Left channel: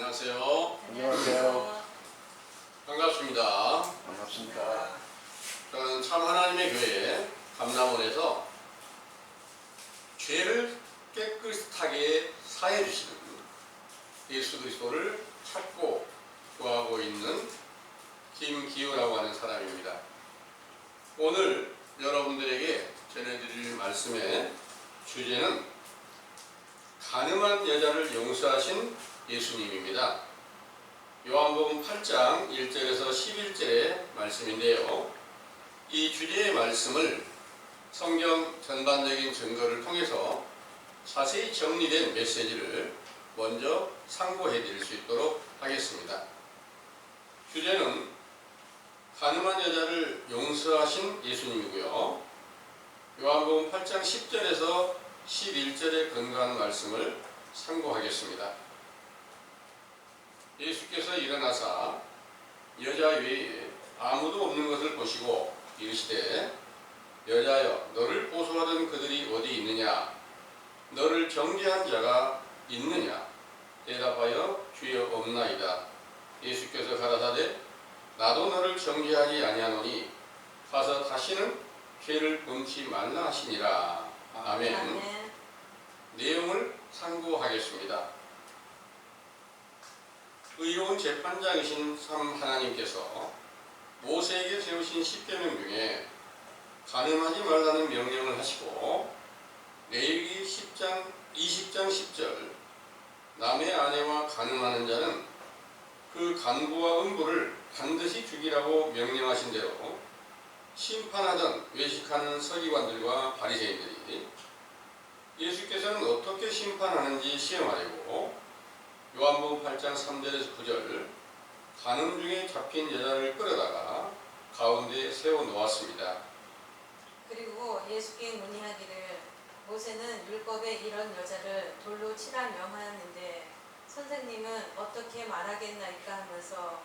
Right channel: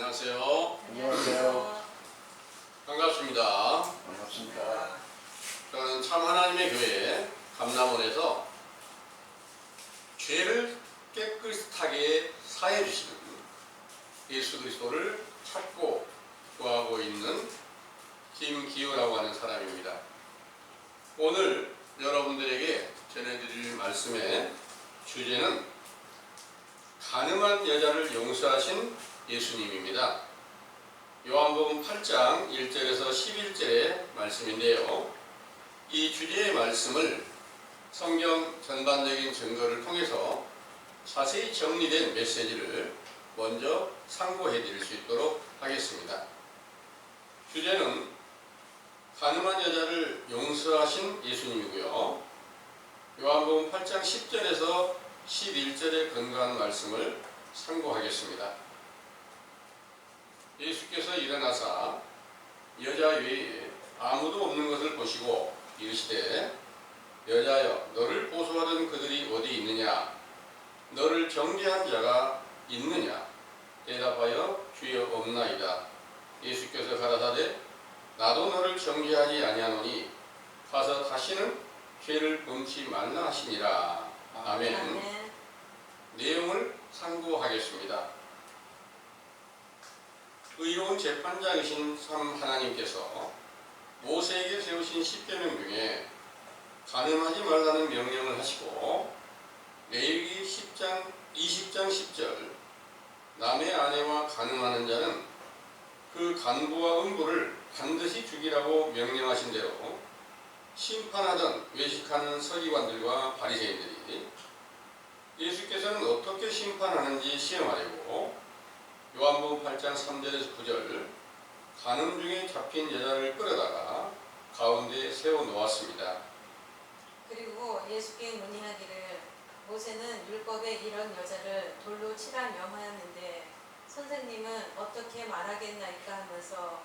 안녕하세요. 안녕하세요. 반갑습니다. 반갑습니다. 저는 참 하나님의 교회 감남원에서 죄를 깨끗하게 사해 주시는 예수 그리스도를 찾고 구하고 있는 김기우라고 하는 사람입니다. 오늘 여러분들에게 전해드릴 말씀의 주제는 가늠한 여자를 용서하신 예수님입니다. 요한복음 8장 1절에서 11절의 말씀인데요. 이 주제의 말씀을 성경 전반적인 증거를 통해서 자세히 정리된 메시지를 먼저 상고해 드릴 수 있도록 하겠습니다. 주제는 가늠한 여자를 용서하신 예수님이고요. 요한복음 8장 10절에서 11절의 근거한 말씀을 상고하겠습니다. 예수께서 일어나사 여자 외에 아무도 없는 것을 보시고 이르시되 여자여 너를 고소하던 그들이 어디 있느냐? 너를 정죄한 자가 있느냐? 대답하여 주여 없나이다. 예수께서 가라사대 나도 너를 정죄하지 아니하노니 가서 다시는 죄를 범치 말라 하시니라. 아멘. 내용을 상고하겠습니다. 의로운 재판장이신 참 하나님께서 모세에게 세우신 십계명 중에 가늠하지 말라는 명령을 하시고 레위기 20장 10절 남의 아내와 가늠하는 자는 그 간부와 음부를 반드시 죽이라고 명령하신 대로 심판하던 외식하는 서기관들과 바리새인들이 예수께서는 어떻게 심판하는지 시험하려고 요한복음 8장 3절에서 9절 가늠 중에 잡힌 여자를 끌어다가 가운데에 세워놓았습니다. 그리고 예수께 문의하기를 모세는 율법에 이런 여자를 돌로 치라 명하였는데 선생님은 어떻게 말하겠나이까 하면서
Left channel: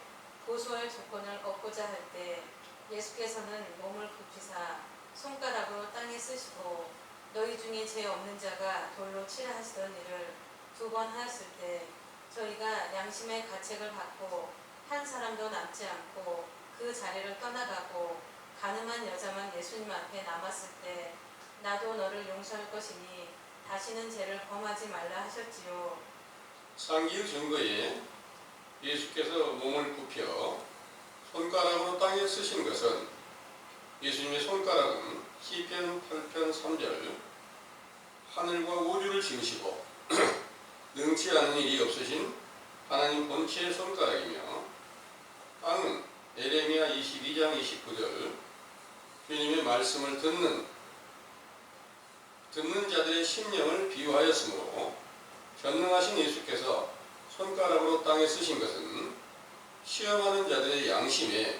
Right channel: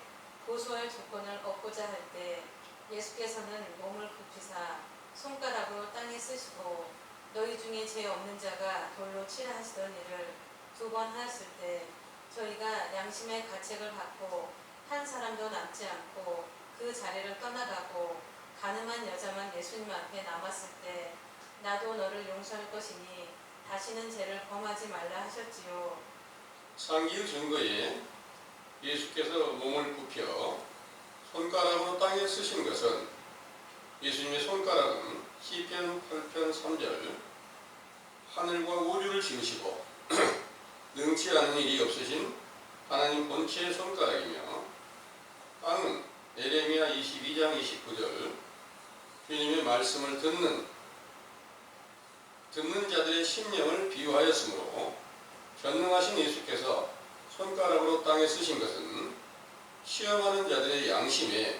고소할 조건을 얻고자 할 때 예수께서는 몸을 굽히사 손가락으로 땅에 쓰시고 너희 중에 죄 없는 자가 돌로 치라 하시던 일을 2번 하였을 때 저희가 양심의 가책을 받고 한 사람도 남지 않고 그 자리를 떠나가고 가늠한 여자만 예수님 앞에 남았을 때 나도 너를 용서할 것이니 다시는 죄를 범하지 말라 하셨지요. 상기의 증거에 예수께서 몸을 굽혀 손가락으로 땅에 쓰신 것은 예수님의 손가락은 시편 8편 3절 하늘과 우주를 지으시고 능치 않은 일이 없으신 하나님 본체의 손가락이며 땅은 에레미야 22장 29절 주님의 말씀을 듣는 자들의 심령을 비유하였으므로 전능하신 예수께서 손가락으로 땅에 쓰신 것은 시험하는 자들의 양심에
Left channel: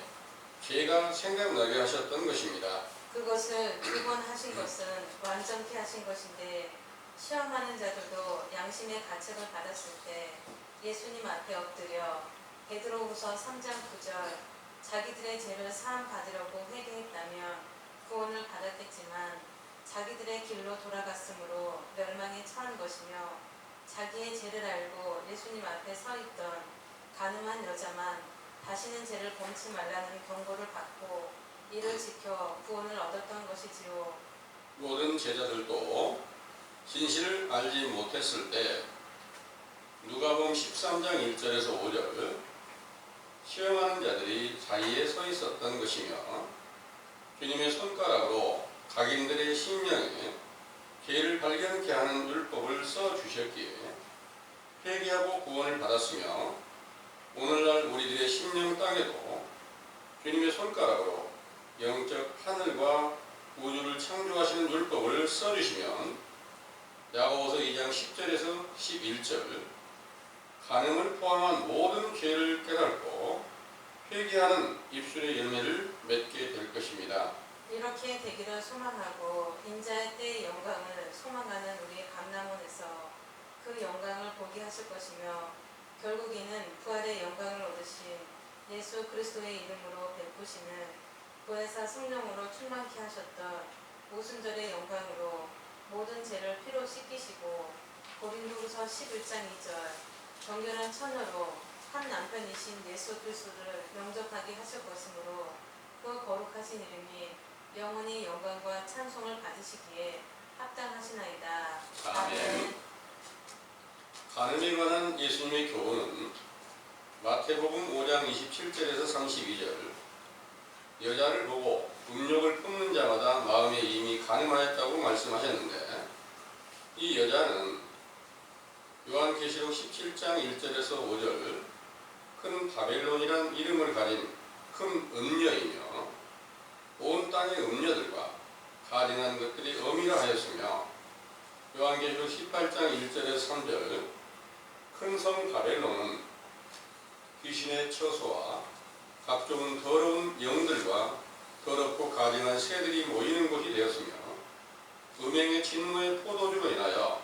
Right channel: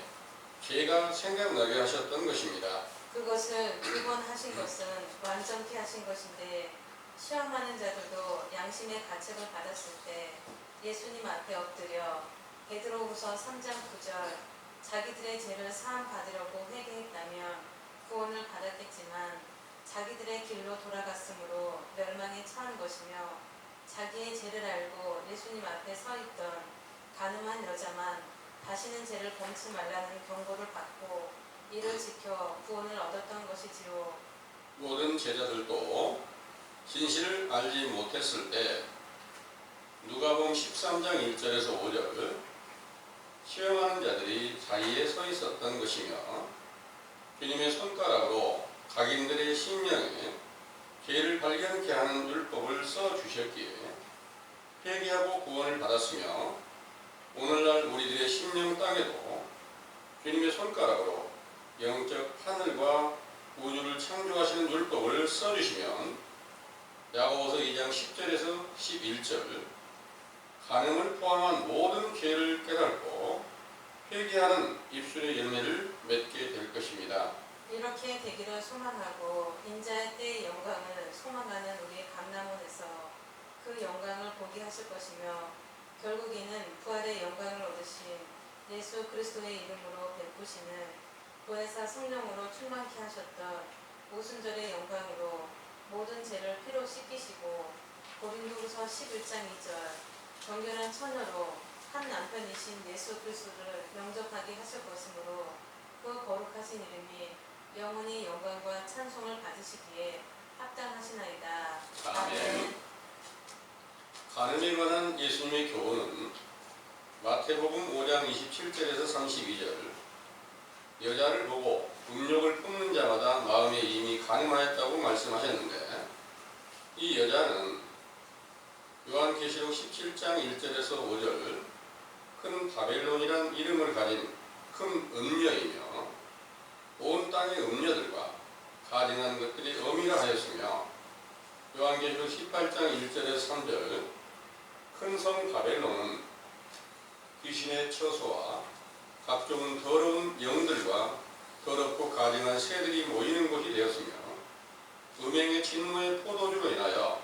죄가 생각나게 하셨던 것입니다. 그것을 2번 하신 것은 완전케 하신 것인데 시험하는 자들도 양심의 가책을 받았을 때 예수님 앞에 엎드려 베드로후서 3장 9절 자기들의 죄를 사함 받으려고 회개했다면 구원을 받았겠지만 자기들의 길로 돌아갔으므로 멸망에 처한 것이며 자기의 죄를 알고 예수님 앞에 서 있던 가늠한 여자만 다시는 죄를 범치 말라는 경고를 받고 이를 지켜 구원을 얻었던 것이지요. 모든 제자들도 진실을 알지 못했을 때 누가복음 13장 1절에서 5절 시험하는 자들이 자리에 서 있었던 것이며 주님의 손가락으로 각인들의 심령에 죄를 발견케 하는 율법을 써주셨기에 회개하고 구원을 받았으며 오늘날 우리들의 심령 땅에도 주님의 손가락으로 영적 하늘과 우주를 창조하시는 율법을 써주시면 야고보서 2장 10절에서 11절 간음을 포함한 모든 죄를 깨닫고 회개하는 입술의 열매를 맺게 될 것입니다. 이렇게 되기를 소망하고 인자의 때의 영광을 소망하는 우리 감남원에서 그 영광을 보게 하실 것이며 결국에는 부활의 영광을 얻으신 예수 그리스도의 이름으로 베푸시는 보혜사 성령으로 충만케 하셨던 오순절의 영광으로 모든 죄를 피로 씻기시고 고린도후서 11장 2절 정결한 처녀로 한 남편이신 예수 그리스도를 영접하게 하실 것이므로 그 거룩하신 이름이 영원히 영광과 찬송을 받으시기에 합당하시나이다. 아멘. 간음에 관한 예수님의 교훈은 마태복음 5장 27절에서 32절 여자를 보고 음욕을 품는 자마다 마음에 이미 간음하였다고 말씀하셨는데 이 여자는 요한계시록 17장 1절에서 5절 큰 바벨론이란 이름을 가진 큰 음녀이며 온 땅의 음녀들과 가증한 것들이 어미라 하였으며 요한계시록 18장 1절에서 3절 큰 성 바벨론은 귀신의 처소와 각종 더러운 영들과 더럽고 가증한 새들이 모이는 곳이 되었으며 음행의 진노의 포도주로 인하여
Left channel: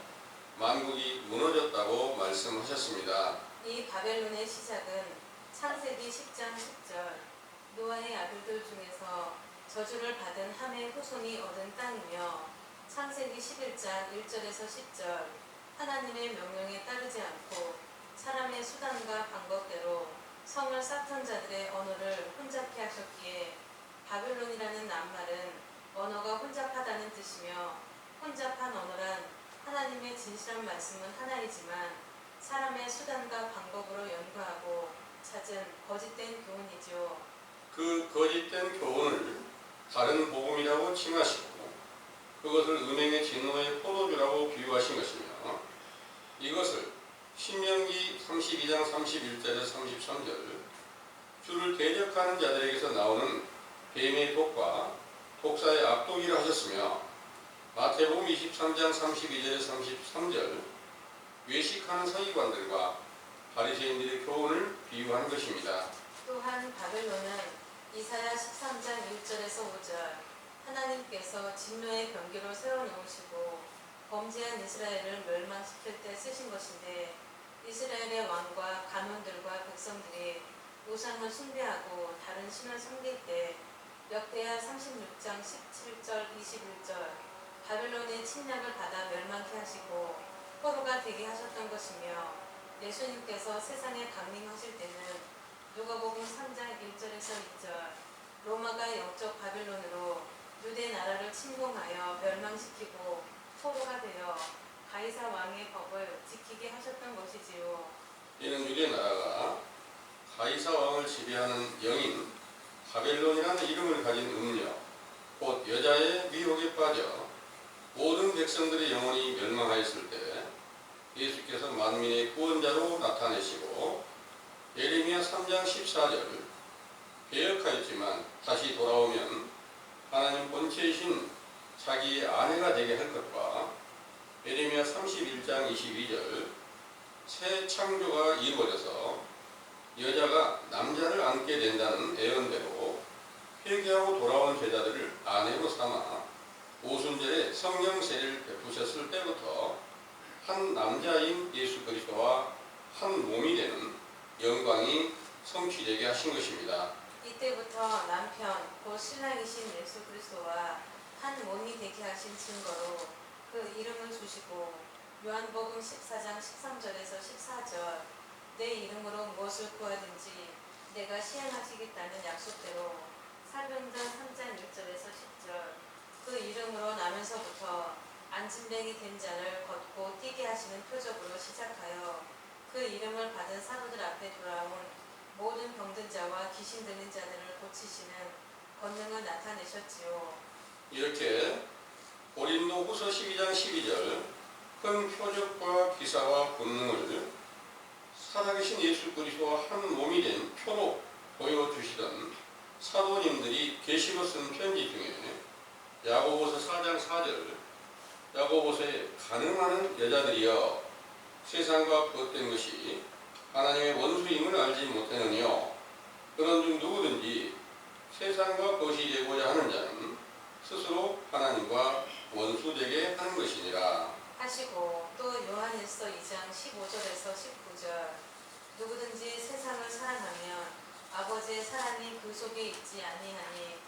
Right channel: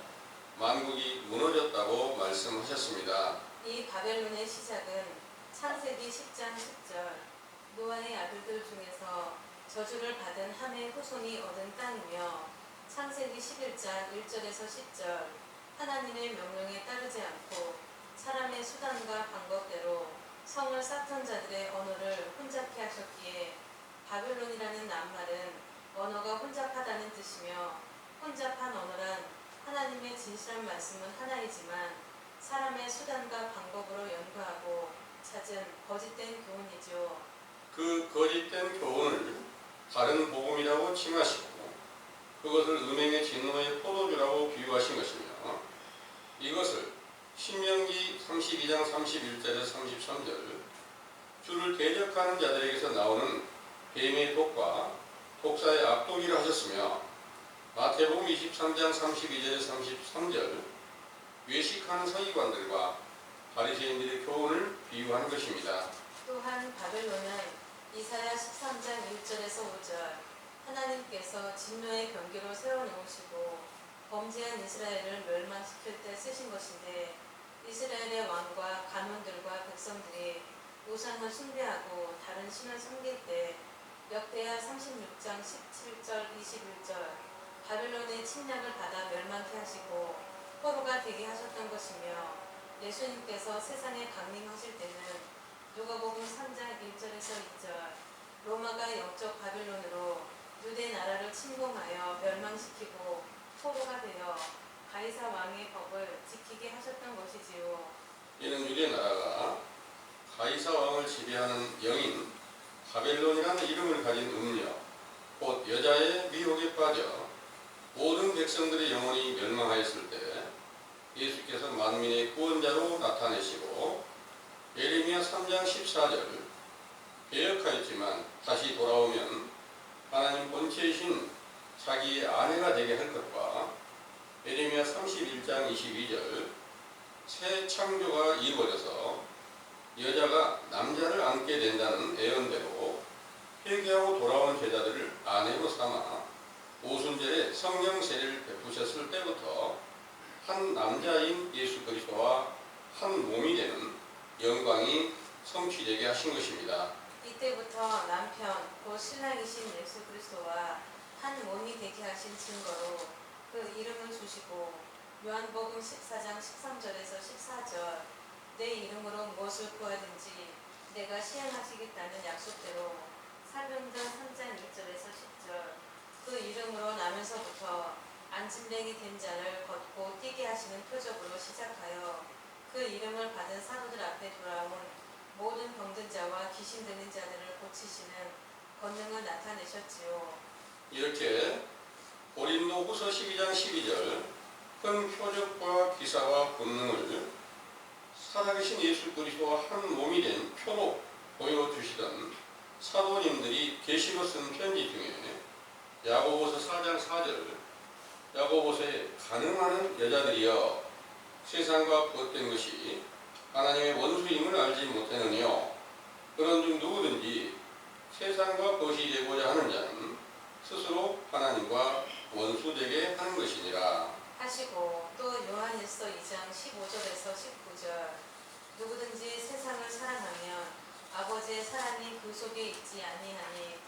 만국이 무너졌다고 말씀하셨습니다. 이 바벨론의 시작은 창세기 10장 10절 노아의 아들들 중에서 저주를 받은 함의 후손이 얻은 땅이며 창세기 11장 1절에서 10절 하나님의 명령에 따르지 않고 사람의 수단과 방법대로 성을 쌓던 자들의 언어를 혼잡케 하셨기에 바벨론이라는 낱말은 언어가 혼잡하다는 뜻이며 혼잡한 언어란 하나님의 진실한 말씀은 하나이지만 사람의 수단과 방법으로 연구하고 찾은 거짓된 교훈이지요. 그 거짓된 교훈을 다른 복음이라고 칭하시고 그것을 음행의 진노의 포도주라고 비유하신 것이며 이것을 신명기 32장 31절에서 33절 주를 대적하는 자들에게서 나오는 뱀의 독과 독사의 악독이라 하셨으며 마태복음 23장 32절에서 33절 외식하는 서기관들과 바리새인들의 교훈을 비유한 것입니다. 또한 바벨론은 이사야 13장 1절에서 5절 하나님께서 진노의 경기로 세워놓으시고 범죄한 이스라엘을 멸망시킬 때 쓰신 것인데 이스라엘의 왕과 간원들과 백성들이 우상을 숭배하고 다른 신을 섬길 때 역대하 36장 17절 21절 바벨론의 침략을 받아 멸망케 하시고 포로가 되게 하셨던 것이며 예수님께서 세상에 강림하실 때는 누가복음 3장 1절에서 2절 로마가 영적 바벨론으로 유대 나라를 침공하여 멸망시키고 포로가 되어 가이사 왕의 법을 지키게 하셨던 것이지요. 이는 유대 나라가 가이사 왕을 지배하는 영인 바벨론이라는 이름을 가진 음녀 곧 여자의 미혹에 빠져 모든 백성들의 영혼이 멸망하였을 때 예수께서 만민의 구원자로 나타내시고 예레미야 3장 14절 배역하였지만 다시 돌아오면 하나님 본체이신 자기의 아내가 되게 할 것과 예레미야 31장 22절 새 창조가 이루어져서 여자가 남자를 안게 된다는 예언대로 회개하고 돌아온 제자들을 아내로 삼아 오순절에 성령 세례를 베푸셨을 때부터 한 남자인 예수 그리스도와 한 몸이 되는 영광이 성취되게 하신 것입니다. 이때부터 남편 곧 신랑이신 예수 그리스도와 한 몸이 되게 하신 증거로 그 이름을 주시고 요한복음 14장 13절에서 14절 내 이름으로 무엇을 구하든지 내가 시행하시겠다는 약속대로 사도행전 3장 1절에서 10절 그 이름으로 나면서부터 안진뱅이 된 자를 걷고 뛰게 하시는 표적으로 시작하여 그 이름을 받은 사도들 앞에 돌아온 모든 병든 자와 귀신 들린 자들을 고치시는 권능을 나타내셨지요. 이렇게 고린도후서 12장 12절 큰 표적과 기사와 본능을 살아계신 예수 그리스도와 한 몸이 된 표로 보여주시던 사도님들이 계시로 쓴 편지 중에 야고보서 4장 4절 야고보서에 가늠하는 여자들이여 세상과 벗된 것이 하나님의 원수임을 알지 못하느니요 그런 중 누구든지 세상과 벗이 되고자 하는 자는 스스로 하나님과 원수되게 하는 것이니라 하시고 또 요한일서 2장 15절에서 19절 누구든지 세상을 사랑하면 아버지의 사랑이 그 속에 있지 아니하니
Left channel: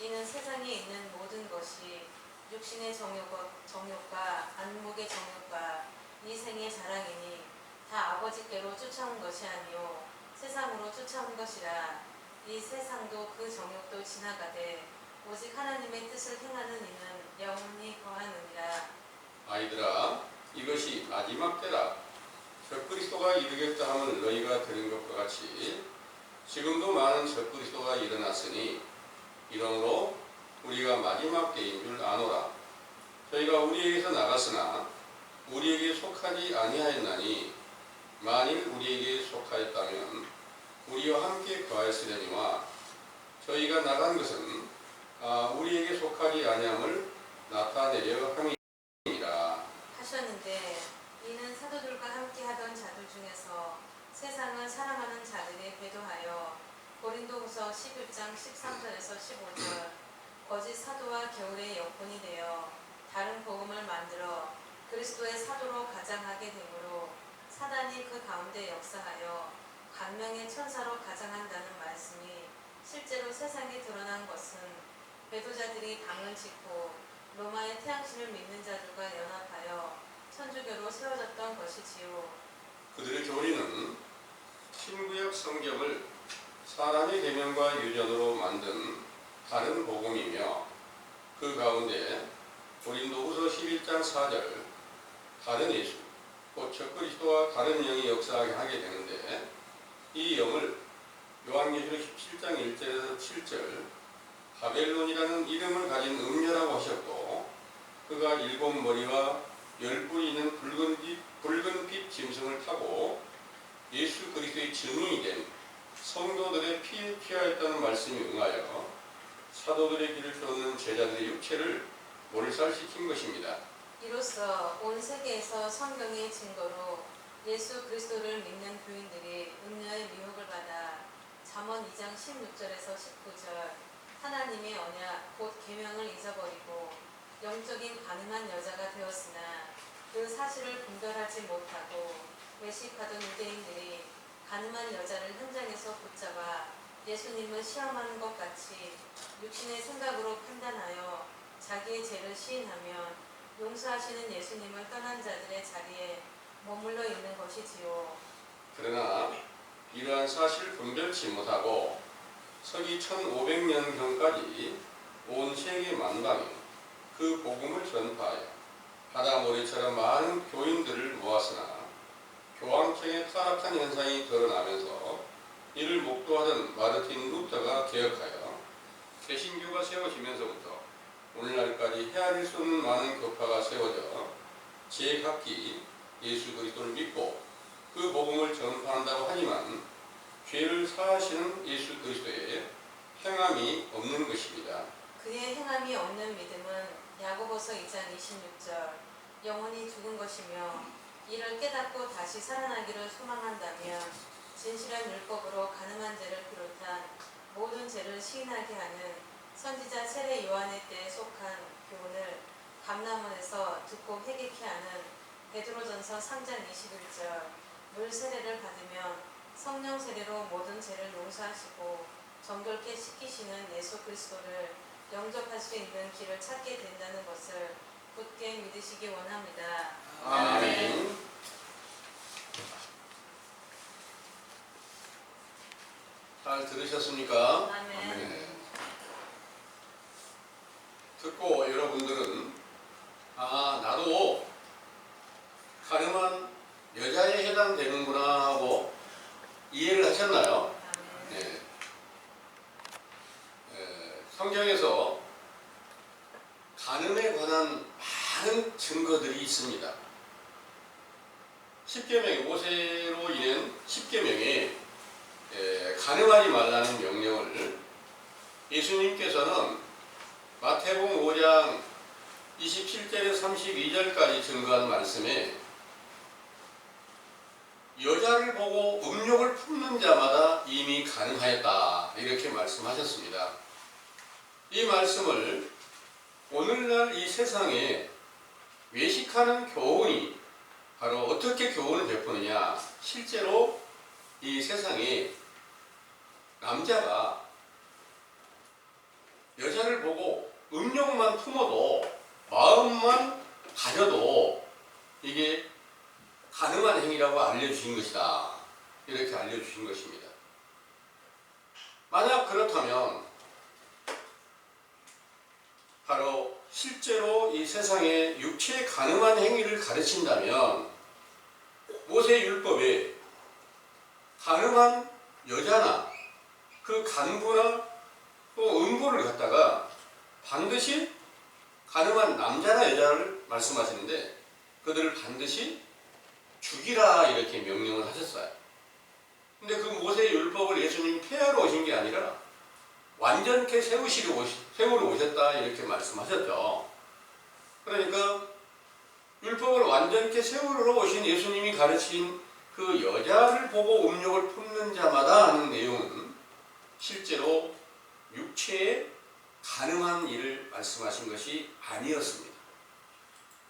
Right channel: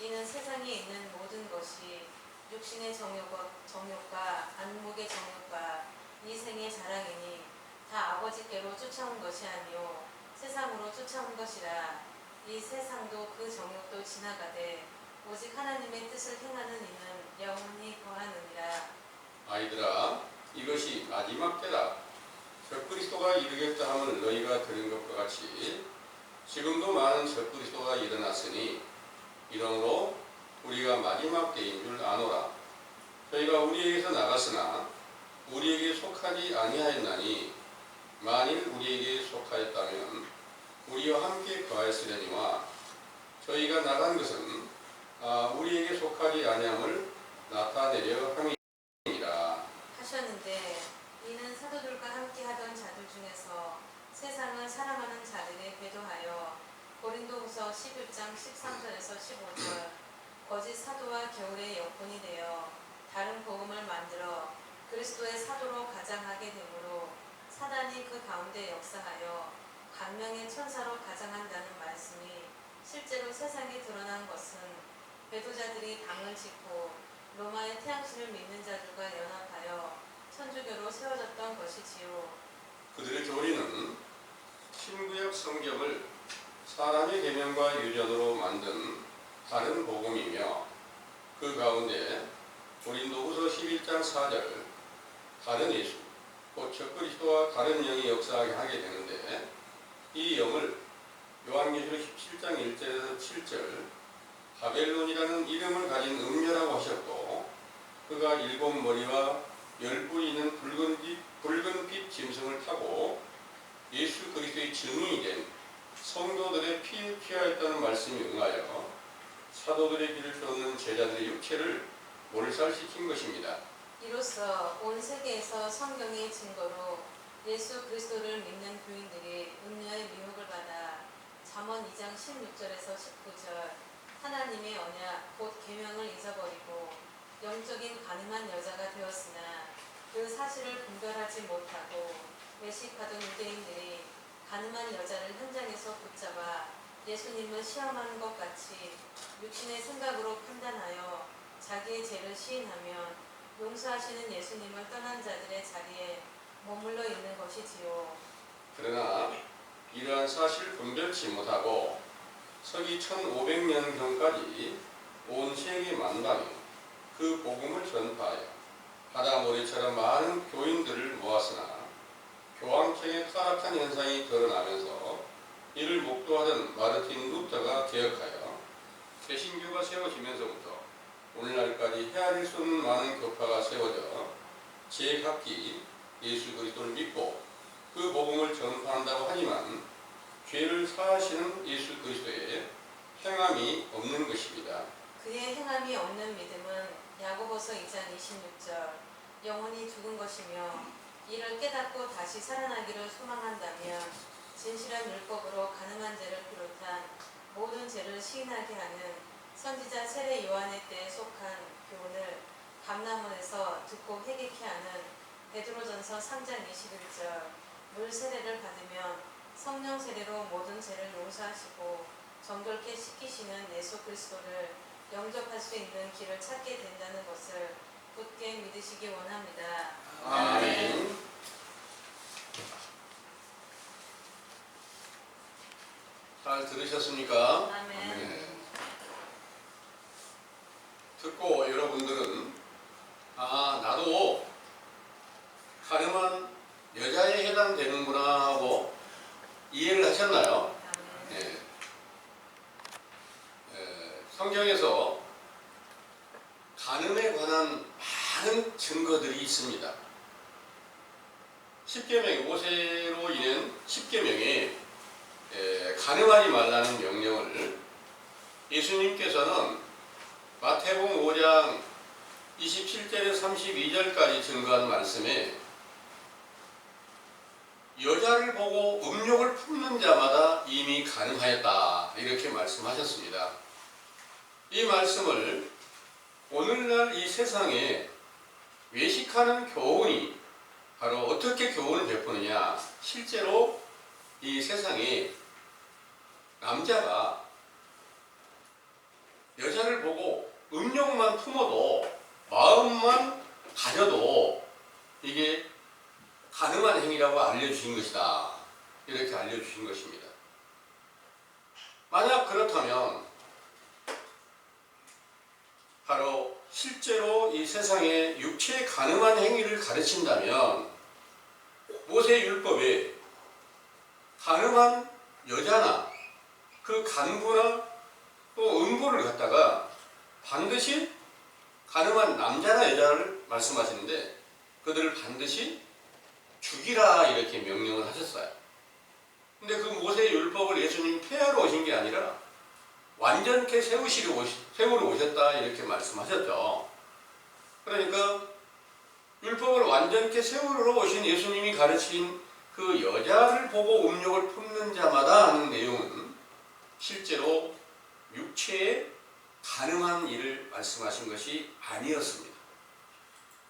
이는 세상에 있는 모든 것이 육신의 정욕과 안목의 정욕과 이생의 자랑이니 다 아버지께로 쫓아온 것이 아니요 세상으로 쫓아온 것이라. 이 세상도 그 정욕도 지나가되 오직 하나님의 뜻을 행하는 이는 영원히 거하느니라. 아이들아, 이것이 마지막 때라. 적그리스도가 이르겠다 함을 너희가 들은 것과 같이 지금도 많은 적그리스도가 일어났으니 이러므로 우리가 마지막 때인 줄 아노라. 저희가 우리에게서 나갔으나 우리에게 속하지 아니하였나니 만일 우리에게 속하였다면 우리와 함께 거하였으려니와 저희가 나간 것은 우리에게 속하지 아니함을 나타내려 함이니라 하셨는데 이는 사도들과 함께 하던 자들 중에서 세상을 사랑하는 자들이 배도하여 고린도후서 11장 13절에서 15절 거짓 사도와 겨울의 여pon이 되어 다른 복음을 만들어 그리스도의 사도로 가장하게 되므로 사단이 그 가운데 역사하여 강명의 천사로 가장한다는 말씀이 실제로 세상에 드러난 것은 배도자들이 당을 짓고 로마의 태양신을 믿는 자들과 연합하여 천주교로 세워졌던 것이지요. 그들의 교리는 신구약 성경을 사람의 계명과 유전으로 만든 다른 복음이며 그 가운데 고린도후서 11장 4절 다른 예수 곧 적그리스도와 다른 영이 역사하게 하게 되는데 이 영을 요한계시록 17장 1절에서 7절 바벨론이라는 이름을 가진 음녀라고 하셨고 그가 7머리와 10뿔이 있는 붉은빛 짐승을 타고 예수 그리스도의 증인이 된 성도들의 피에 취하였다는 말씀이 응하여 사도들의 길을 쫓는 제자들의 육체를 몰살시킨 것입니다. 이로써 온 세계에서 성경의 증거로 예수 그리스도를 믿는 교인들이 음녀의 미혹을 받아 잠언 2장 16절에서 19절 하나님의 언약 곧 계명을 잊어버리고 영적인 가늠한 여자가 되었으나 그 사실을 분별하지 못하고 외식하던 유대인들이 가늠한 여자를 현장에서 붙잡아 예수님을 시험하는 것 같이 육신의 생각으로 판단하여 자기의 죄를 시인하면 용서하시는 예수님을 떠난 자들의 자리에 머물러 있는 것이지요. 그러나 이러한 사실을 분별치 못하고 서기 1500년경까지 온 세계 만방에 그 복음을 전파하여 바다 모래처럼 많은 교인들을 모았으나 교황청의 타락한 현상이 드러나면서 이를 목도하던 마르틴 루터가 개혁하여 개신교가 세워지면서부터 오늘날까지 헤아릴 수 없는 많은 교파가 세워져 제각기 예수 그리스도를 믿고 그 복음을 전파한다고 하지만 죄를 사하시는 예수 그리스도의 행함이 없는 것입니다. 그의 행함이 없는 믿음은 야고보서 2장 26절 영원히 죽은 것이며 이를 깨닫고 다시 살아나기를 소망한다면 진실한 율법으로 가늠한 죄를 비롯한 모든 죄를 시인하게 하는 선지자 세례 요한의 때에 속한 교훈을 감람원에서 듣고 회개케 하는 베드로전서 3장 21절 물 세례를 받으면 성령 세례로 모든 죄를 용서하시고 정결케 씻기시는 예수 그리스도를 영접할 수 있는 길을 찾게 된다는 것을 굳게 믿으시기 원합니다. 아멘. 잘 들으셨습니까? 아멘. 네. 듣고 여러분들은 나도 가늠한 여자에 해당되는구나 하고 이해를 하셨나요? 네. 성경에서 간음에 관한 많은 증거들이 있습니다. 10계명, 모세로 인한 10계명에 간음하지 말라는 명령을 예수님께서는 마태복음 5장 27절에서 32절까지 증거한 말씀에 여자를 보고 음욕을 품는 자마다 이미 간음하였다 이렇게 말씀하셨습니다. 이 말씀을 오늘날 이 세상에 외식하는 교훈이 바로 어떻게 교훈을 베푸느냐, 실제로 이 세상에 남자가 여자를 보고 음욕만 품어도 마음만 가져도 이게 가능한 행위라고 알려주신 것이다. 이렇게 알려주신 것입니다. 만약 그렇다면 바로 실제로 이 세상에 육체에 가능한 행위를 가르친다면 모세 율법에 가능한 여자나 그 간부나 또 음부를 갖다가 반드시 가능한 남자나 여자를 말씀하시는데 그들을 반드시 죽이라 이렇게 명령을 하셨어요. 근데 그 모세의 율법을 예수님이 폐하러 오신 게 아니라 완전케 세우러 오셨다 이렇게 말씀하셨죠. 그러니까 율법을 완전케 세우러 오신 예수님이 가르친 그 여자를 보고 음욕을 품는 자마다 하는 내용은 실제로 육체에 가능한 일을 말씀하신 것이 아니었습니다.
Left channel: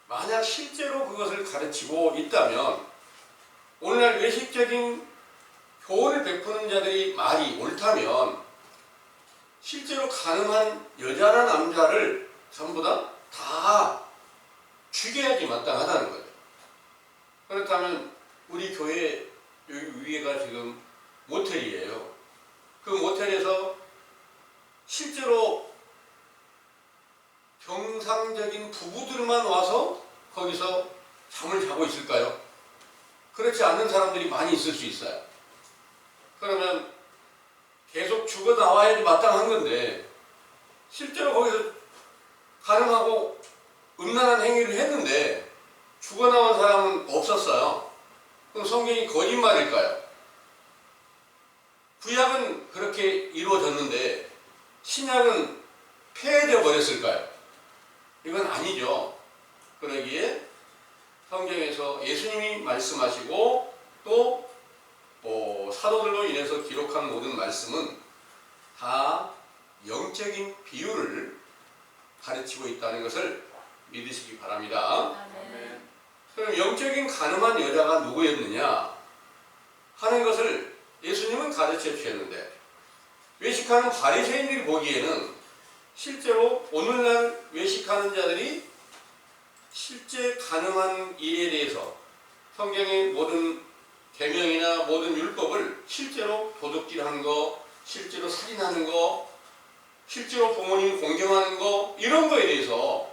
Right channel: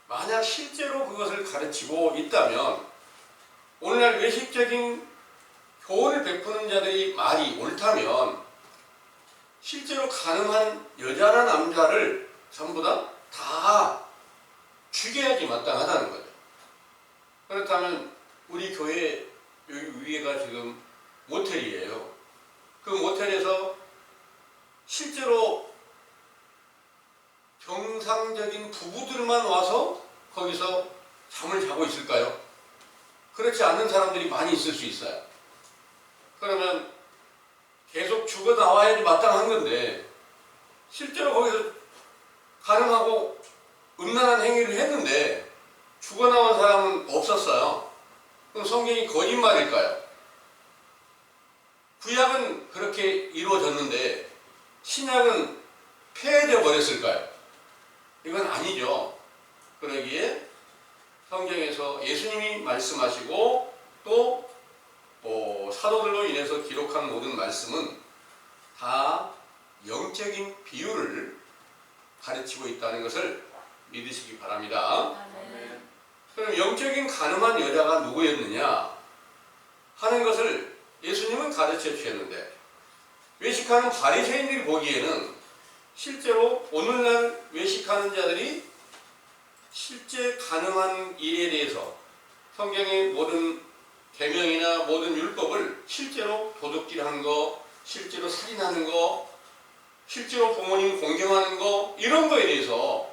만약 실제로 그것을 가르치고 있다면 오늘날 외식적인 교훈을 베푸는 자들이 말이 옳다면 실제로 가능한 여자나 남자를 전부 다 죽여야지 마땅하다는 거죠. 그렇다면 우리 교회 여기 위에가 지금 모텔이에요. 그 모텔에서 실제로 정상적인 부부들만 와서 거기서 잠을 자고 있을까요? 그렇지 않는 사람들이 많이 있을 수 있어요. 그러면 계속 죽어 나와야지 마땅한 건데 실제로 거기서 가능하고 음란한 행위를 했는데 죽어 나온 사람은 없었어요. 그럼 성경이 거짓말일까요? 구약은 그렇게 이루어졌는데 신약은 폐해져 버렸을까요? 이건 아니죠. 그러기에 성경에서 예수님이 말씀하시고 또 사도들로 인해서 기록한 모든 말씀은 다 영적인 비유를 가르치고 있다는 것을 믿으시기 바랍니다. 아멘. 그럼 영적인 가늠한 여자가 누구였느냐 하는 것을 예수님은 가르쳐 주셨는데 외식하는 바리새인들이 보기에는 실제로 오늘날 외식하는 자들이 실제 가늠한 일에 대해서 성경의 모든 계명이나 모든 율법을 실제로 도둑질하는 거, 실제로 살인하는 거, 실제로 부모님 공경하는 거 이런 거에 대해서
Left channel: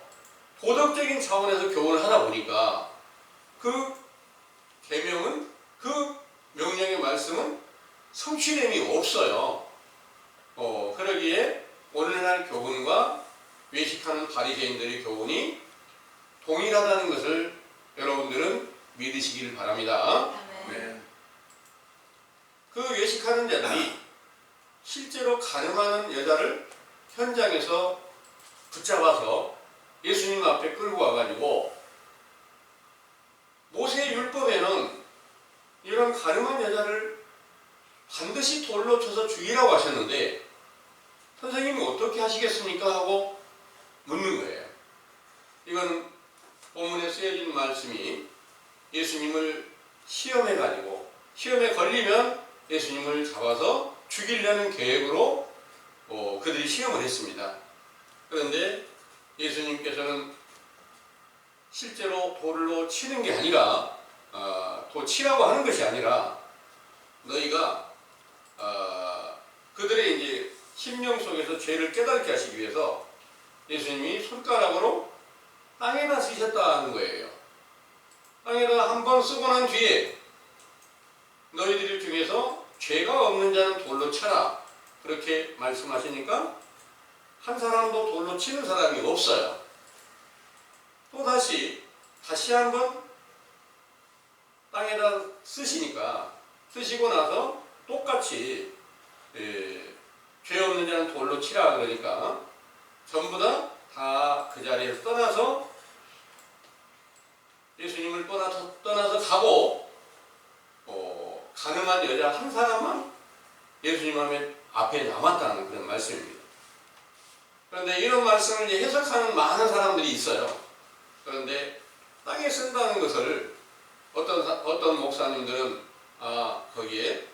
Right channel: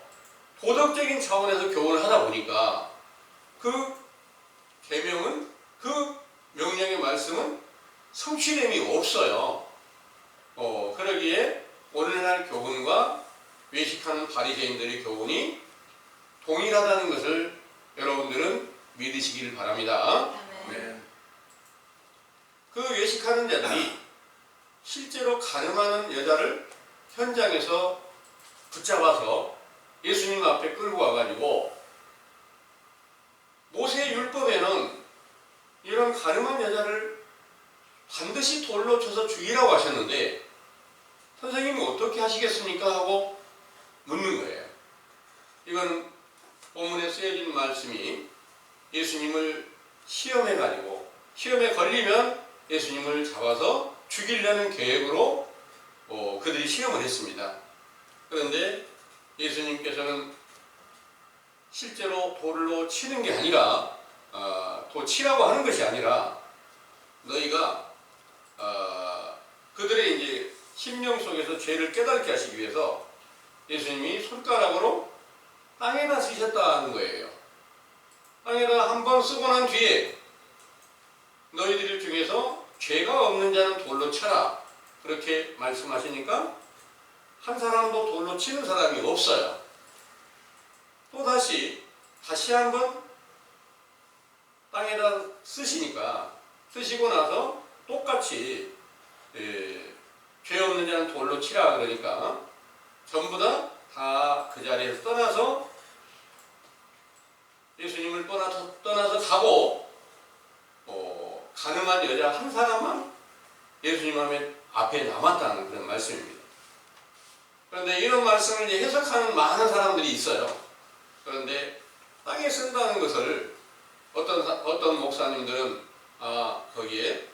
도덕적인 차원에서 교훈을 하다 보니까 그 계명은 그 명령의 말씀은 성취됨이 없어요. 그러기에 오늘날 교훈과 외식하는 바리새인들의 교훈이 동일하다는 것을 여러분들은 믿으시길 바랍니다. 아멘. 그 외식하는 자들이 실제로 가늠하는 여자를 현장에서 붙잡아서 예수님 앞에 끌고 와가지고 모세 율법에는 이런 가늠한 여자를 반드시 돌로 쳐서 죽이라고 하셨는데 선생님이 어떻게 하시겠습니까? 하고 묻는 거예요. 이건 본문에 쓰여진 말씀이 예수님을 시험해가지고 시험에 걸리면 예수님을 잡아서 죽이려는 계획으로 그들이 시험을 했습니다. 그런데 예수님께서는 실제로 돌로 치는 게 아니라 치라고 하는 것이 아니라 너희가 그들의 이제 심령 속에서 죄를 깨닫게 하시기 위해서 예수님이 손가락으로 땅에다 쓰셨다는 거예요. 땅에다 한 번 쓰고 난 뒤에 너희들 중에서 죄가 없는 자는 돌로 쳐라 그렇게 말씀하시니까 한 사람도 돌로 치는 사람이 없어요. 또 다시 한번 땅에다 쓰시고 나서 똑같이 죄 없는 자는 돌로 치라 그러니까 전부 다 그 자리에서 떠나서 예수님을 떠나서 가고 가늠한 여자 한 사람만 예수님 앞에 남았다는 그런 말씀입니다. 그런데 이런 말씀을 이제 해석하는 많은 사람들이 있어요. 그런데 땅에 쓴다는 것을 어떤 목사님들은 거기에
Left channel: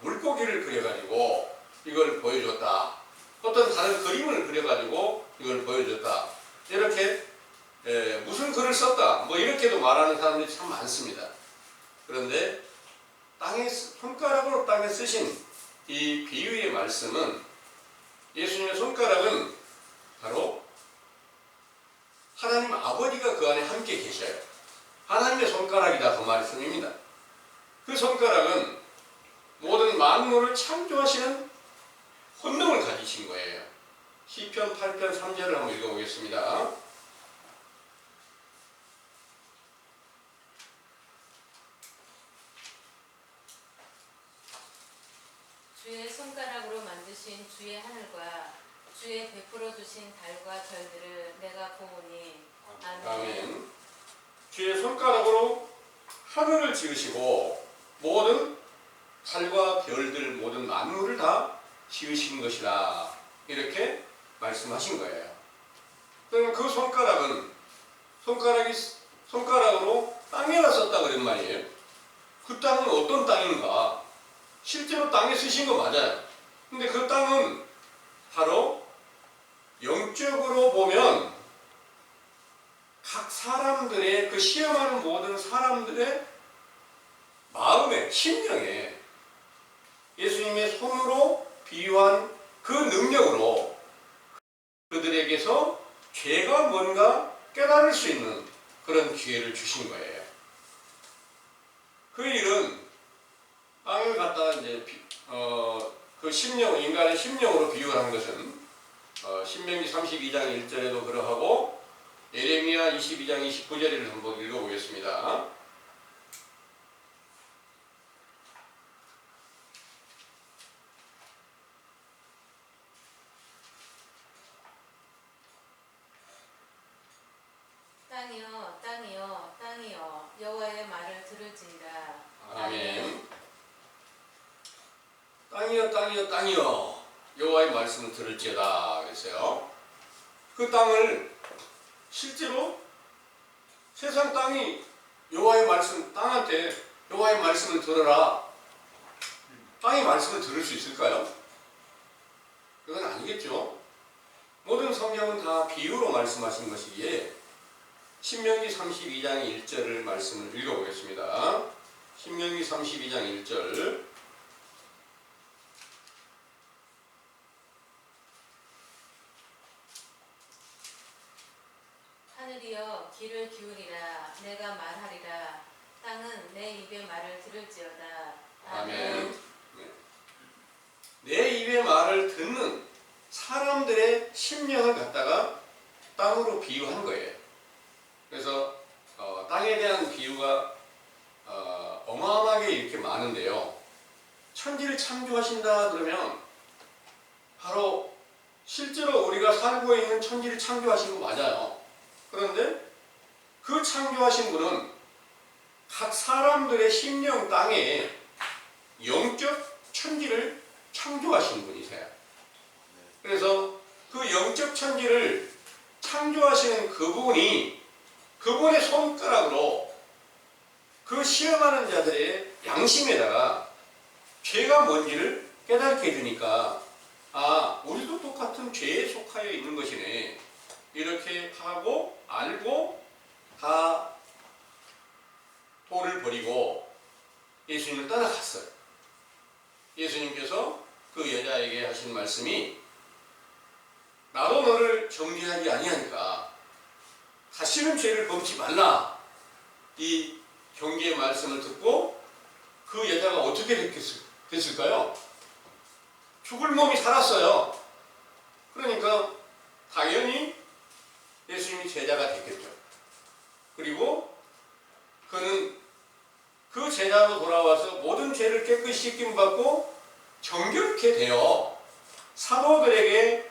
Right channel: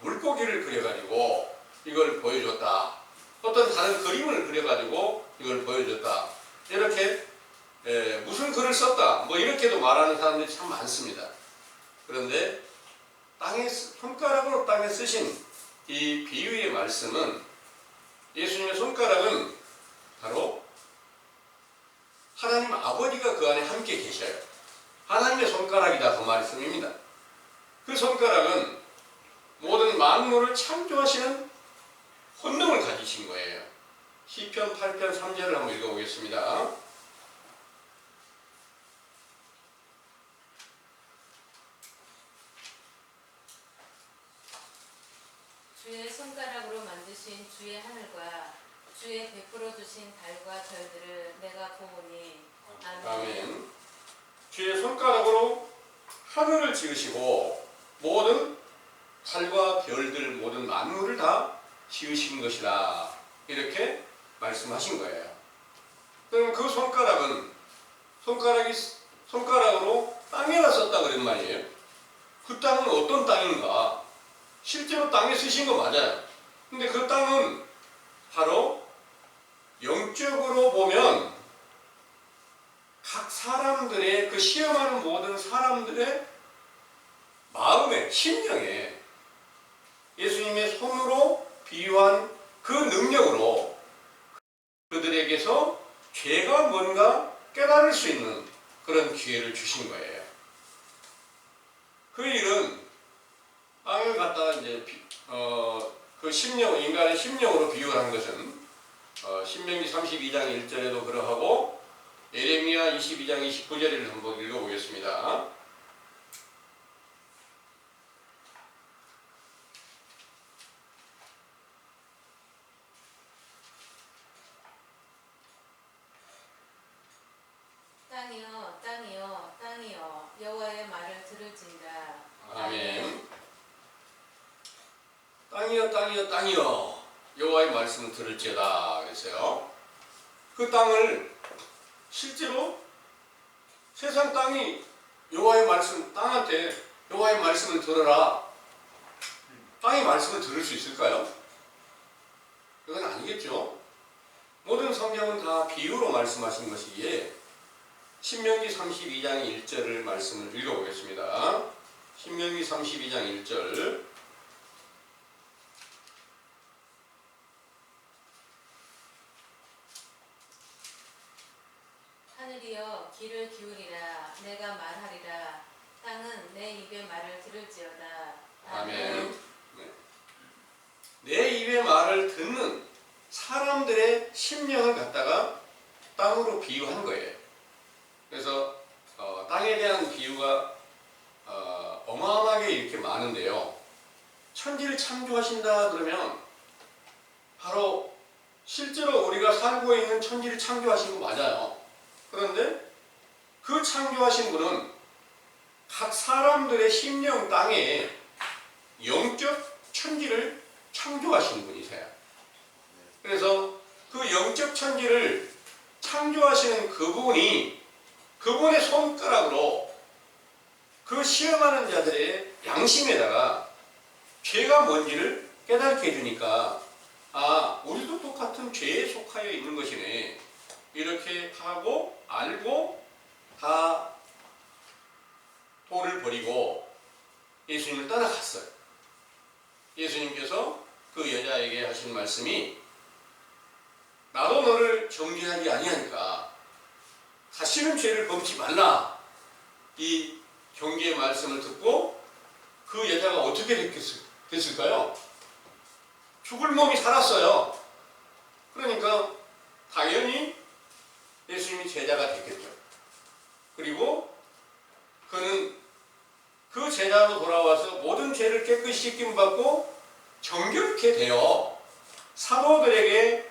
물고기를 그려가지고 이걸 보여줬다. 어떤 다른 그림을 그려가지고 이걸 보여줬다. 이렇게 무슨 글을 썼다. 뭐 이렇게도 말하는 사람들이 참 많습니다. 그런데 손가락으로 땅에 쓰신 이 비유의 말씀은 예수님의 손가락은 바로 하나님 아버지가 그 안에 함께 계셔요. 하나님의 손가락이다 그 말씀입니다. 그 손가락은 모든 만물을 창조하시는 본능을 가지신 거예요. 시편 8편 3절을 한번 읽어보겠습니다. 주의 손가락으로 만드신 주의 하늘과 주의 베풀어 주신 달과 별들을 내가 보오니 아멘. 아멘. 주의 손가락으로 하늘을 지으시고 모든 달과 별들 모든 만물을 다 지으신 것이다. 이렇게 말씀하신 거예요. 그럼 그 손가락으로 땅에다 썼다 그런 말이에요. 그 땅은 어떤 땅인가? 실제로 땅에 쓰신 거 맞아요. 근데 그 땅은 바로 영적으로 보면 각 사람들의 그 시험하는 모든 사람들의 마음에 심령에 예수님의 손으로 비유한 그 능력으로 그들에게서 죄가 뭔가 깨달을 수 있는 그런 기회를 주신 거예요. 그 일은 땅을 갖다가 이제 그 심령, 인간의 심령으로 비유한 것은 신명기 32장 1절에도 그러하고 예레미야 22장 29절을 한번 읽어보겠습니다. 땅이여 땅이여 땅이여 여호와의 말을 들을지니라. 아멘. 땅이여 땅이여 땅이여 여호와의 말씀을 들을지어다 그랬어요. 그 땅을 실제로 세상 땅이 여호와의 말씀 땅한테 여호와의 말씀을 들어라. 땅이 말씀을 들을 수 있을까요? 그건 아니겠죠. 모든 성경은 다 비유로 말씀하신 것이기에 신명기 32장 1절을 말씀을 읽어보겠습니다. 신명기 32장 1절 하늘이여 귀를 기울이라 내가 말하리라 땅은 내 입의 말을 들을지어다. 아멘. 네. 내 입의 말을 듣는 사람들의 심령을 갖다가 땅으로 비유한 거예요. 그래서 땅에 대한 비유가 어마어마하게 이렇게 많은데요. 천지를 창조하신다 그러면 바로 실제로 우리가 살고 있는 천지를 창조하신 거 맞아요. 그런데 그 창조하신 분은 각 사람들의 심령 땅에 영적 천지를 창조하신 분이세요. 그래서 그 영적 천지를 창조하시는 그분이 그분의 손가락으로 그 시험하는 자들의 양심에다가 죄가 뭔지를 깨닫게 해주니까 아, 우리도 똑같은 죄에 속하여 있는 것이네. 이렇게 하고 알고 다 돌을 버리고 예수님을 따라갔어요. 예수님께서 그 여자에게 하신 말씀이 나도 너를 정죄하지 아니하니까 다시는 죄를 범치 말라. 이 경계의 말씀을 듣고 그 여자가 어떻게 됐을까요? 죽을 몸이 살았어요. 그러니까 당연히 예수님이 제자가 됐겠죠. 그리고 그는 그 제자로 돌아와서 모든 죄를 깨끗이 씻김 받고 정결케 되어 사도들에게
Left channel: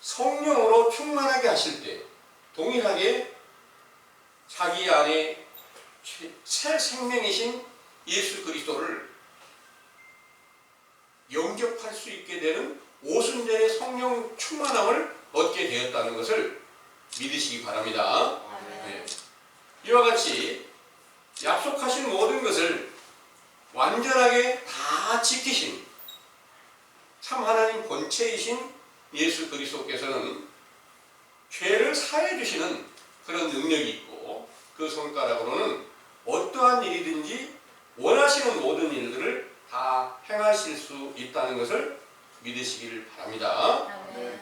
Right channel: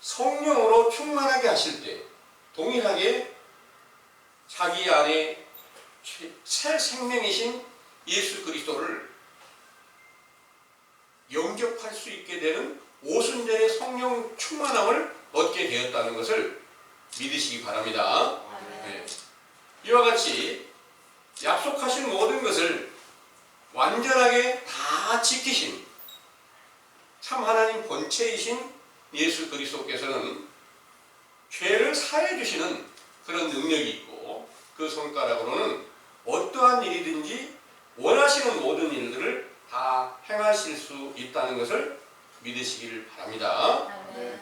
성령으로 충만하게 하실 때 동일하게 자기 안에 새 생명이신 예수 그리스도를 영접할 수 있게 되는 오순절의 성령 충만함을 얻게 되었다는 것을 믿으시기 바랍니다. 네. 이와 같이 약속하신 모든 것을 완전하게 다 지키신 참 하나님 본체이신 예수 그리스도께서는 죄를 사해 주시는 그런 능력이 있고 그 손가락으로는 어떠한 일이든지 행하실 수 있다는 것을 믿으시기를 바랍니다. 아멘.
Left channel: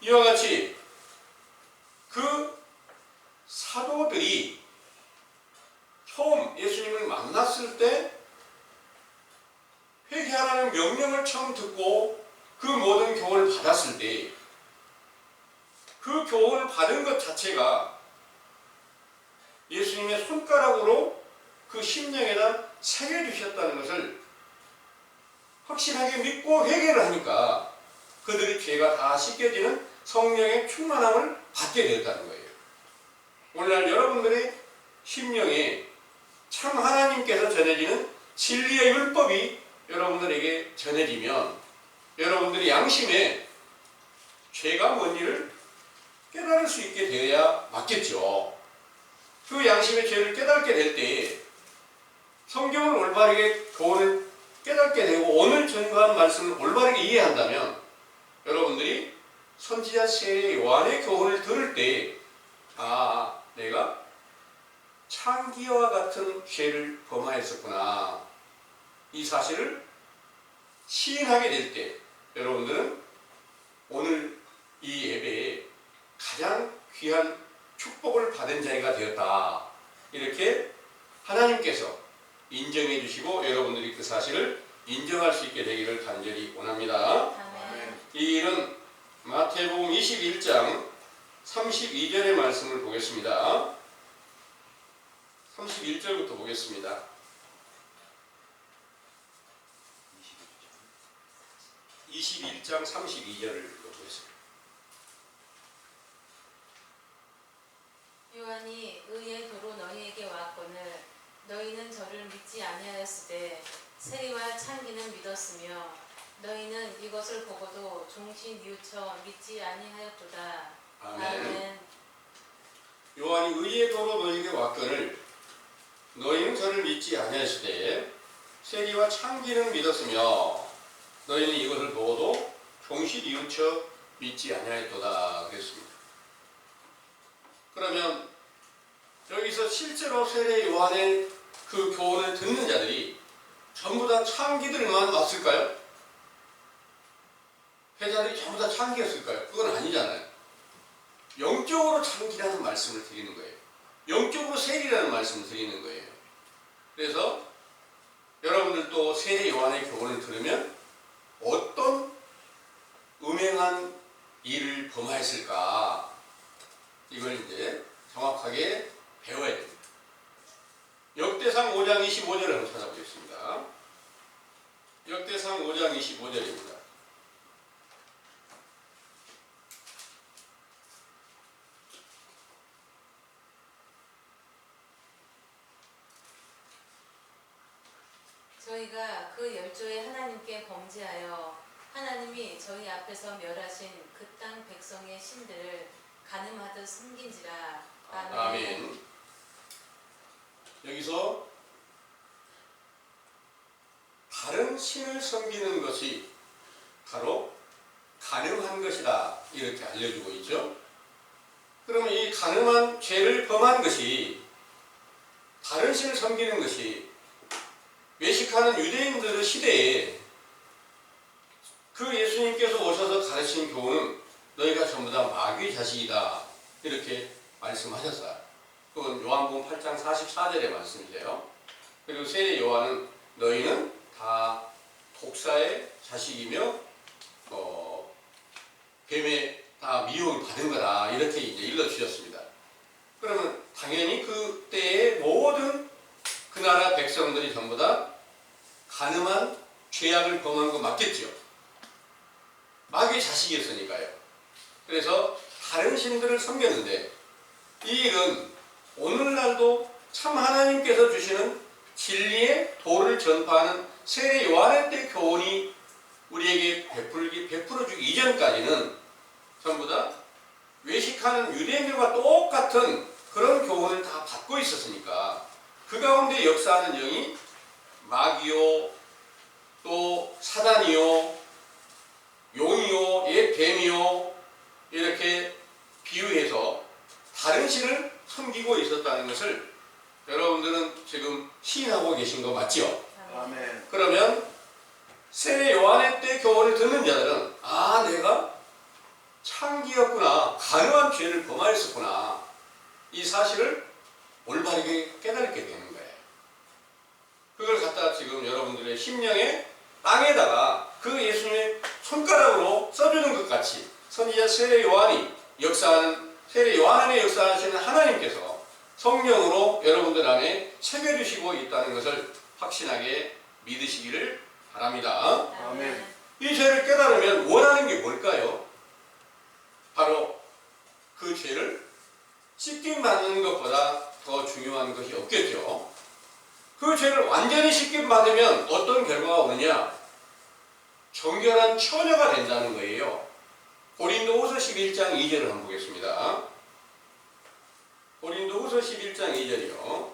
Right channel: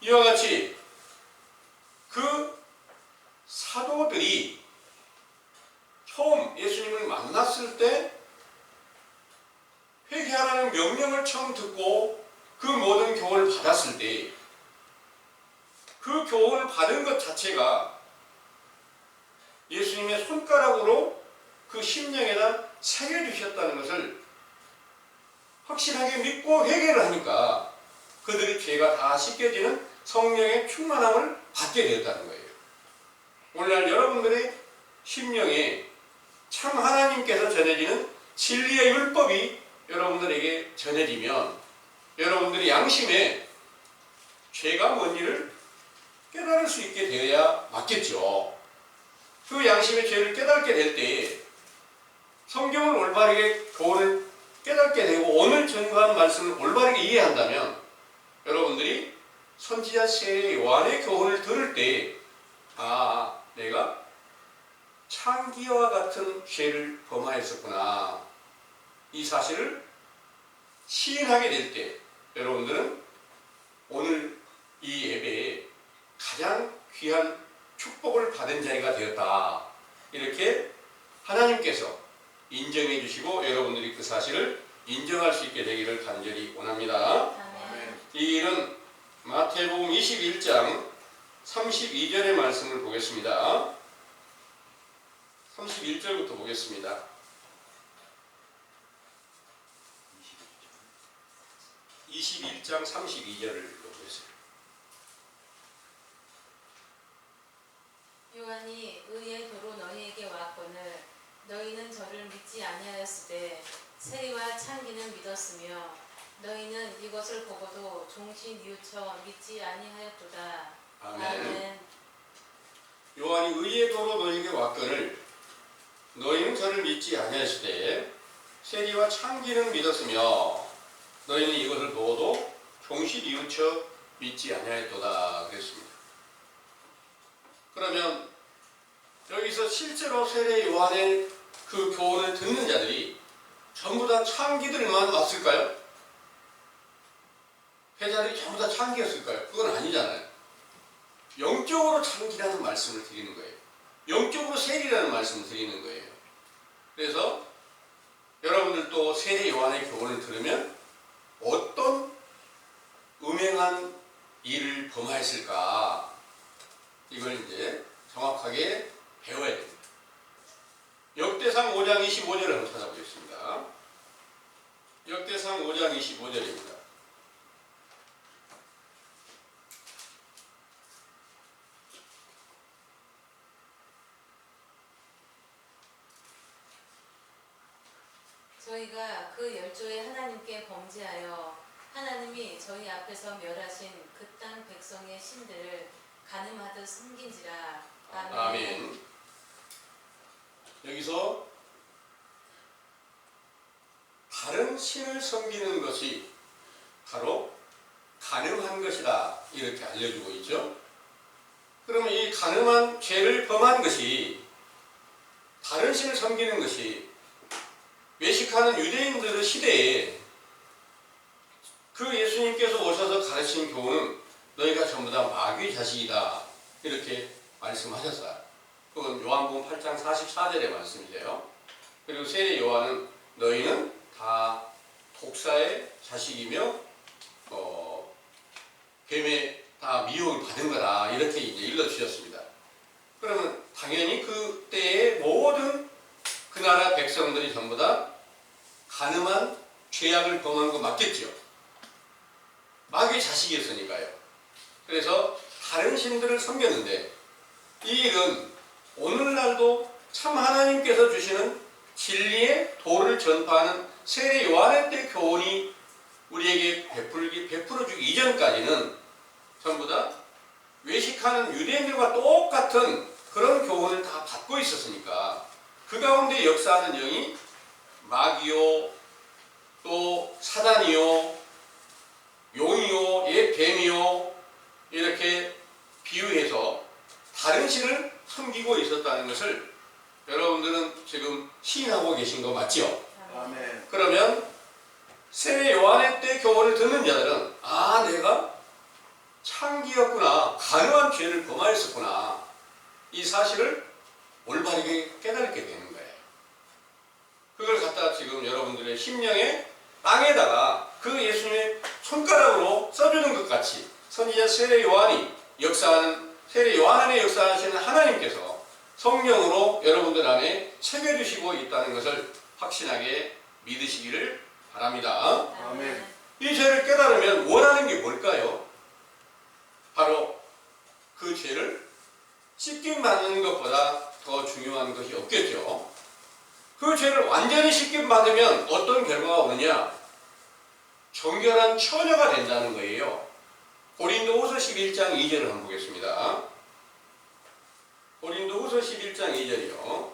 이와 같이 그 사도들이 처음 예수님을 만났을 때 회개하라는 명령을 처음 듣고 그 모든 교훈을 받았을 때 그 교훈을 받은 것 자체가 예수님의 손가락으로 그 심령에다 새겨주셨다는 것을 확실하게 믿고 회개를 하니까 그들의 죄가 다 씻겨지는 성령의 충만함을 받게 되었다는 거예요. 오늘날 여러분들의 심령에 참 하나님께서 전해지는 진리의 율법이 여러분들에게 전해지면 여러분들의 양심에 죄가 뭔지를 깨달을 수 있게 되어야 맞겠죠. 그 양심의 죄를 깨닫게 될 때 성경을 올바르게 교훈을 깨닫게 되고 오늘 전가한 말씀을 올바르게 이해한다면 여러분들이 선지자 세례 요한의 교훈을 들을 때 내가 창기와 같은 죄를 범하였었구나 이 사실을 시인하게 될 때 여러분들은 오늘 이 예배에 가장 귀한 축복을 받은 자가 되었다 이렇게 하나님께서 인정해 주시고 여러분들이 그 사실을 인정할 수 있게 되기를 간절히 원합니다. 아멘. 이 일은 마태복음 21장 32절의 말씀을 보겠습니다. 31절부터 보겠습니다. 21장 32절을 보겠습니다. 요한이 의의 도로 너희에게 왔거늘 너희는 저를 믿지 아니하였으되 세리와 창기는 믿었으며 너희는 이것을 보고도 종시 뉘우쳐 믿지 아니하였도다. 아멘. 요한이 의의 도로 너희에게 왔거늘 너희는 저를 믿지 아니하였으되 세리와 창기는 믿었으며 너희는 이것을 보고도 종시 뉘우쳐 믿지 아니하였도다 그랬습니다. 그러면 여기서 실제로 세례 요한의 그 교훈을 듣는 자들이 전부 다 창기들만 왔을까요? 회자들이 전부 다 창기였을까요? 그건 아니잖아요. 영적으로 창기라는 말씀을 드리는 거예요. 영적으로 세리라는 말씀을 드리는 거예요. 그래서 여러분들도 세례 요한의 교훈을 들으면 어떤 음행한 일을 범하였을까? 이걸 이제 정확하게 배워야 됩니다. 역대상 5장 25절을 한번 찾아보겠습니다. 역대상 5장 25절입니다. 저희가 그 열조의 하나님께 범죄하여 하나님이 저희 앞에서 멸하신 그 땅 백성의 신들을 간음하듯 섬긴지라. 아멘. 아멘. 여기서 다른 신을 섬기는 것이 바로 간음한 것이다 이렇게 알려주고 있죠. 그러면 이 간음한 죄를 범한 것이 다른 신을 섬기는 것이 외식하는 유대인들의 시대에 그 예수님께서 오셔서 가르친 교훈은 너희가 전부 다 마귀의 자식이다 이렇게 말씀하셨어요. 그건 요한복음 8장 44절의 말씀이세요. 그리고 세례 요한은 너희는 다 독사의 자식이며 뱀에 다 미혹을 받은 거다 이렇게 이제 일러주셨습니다. 그러면 당연히 그때의 모든 그 나라 백성들이 전부 다 간음한 죄악을 범한 거 맞겠죠. 마귀의 자식이었으니까요. 그래서 다른 신들을 섬겼는데 이 일은 오늘날도 참 하나님께서 주시는 진리의 도를 전파하는 세례 요한의 때 교훈이 우리에게 베풀어주기 이전까지는 전부 다 외식하는 유대인들과 똑같은 그런 교훈을 다 받고 있었으니까 그 가운데 역사하는 영이 마귀요 또 사단이요 용이요 뱀이요 이렇게 비유해서 다른 신을 섬기고 있었다는 것을 여러분들은 지금 시인하고 계신 거 맞죠? 아멘. 그러면 세례 요한의 때 교훈을 듣는 자들은 아, 내가 창기였구나, 간음한 죄를 범하였었구나, 이 사실을 올바르게 깨닫게 되는 거예요. 그걸 갖다가 지금 여러분들의 심령의 땅에다가 그 예수님의 손가락으로 써주는 것 같이 선지자 세례 요한이 역사하는, 세례 요한 안에 역사하시는 하나님께서 성령으로 여러분들 안에 새겨주시고 있다는 것을 확신하게 믿으시기를 바랍니다. 아멘. 이 죄를 깨달으면 원하는 게 뭘까요? 바로 그 죄를 씻김 받는 것보다 더 중요한 것이 없겠죠. 그 죄를 완전히 씻김 받으면 어떤 결과가 오느냐? 정결한 처녀가 된다는 거예요. 고린도후서 11장 2절을 한번 보겠습니다. 고린도후서 11장 2절이요.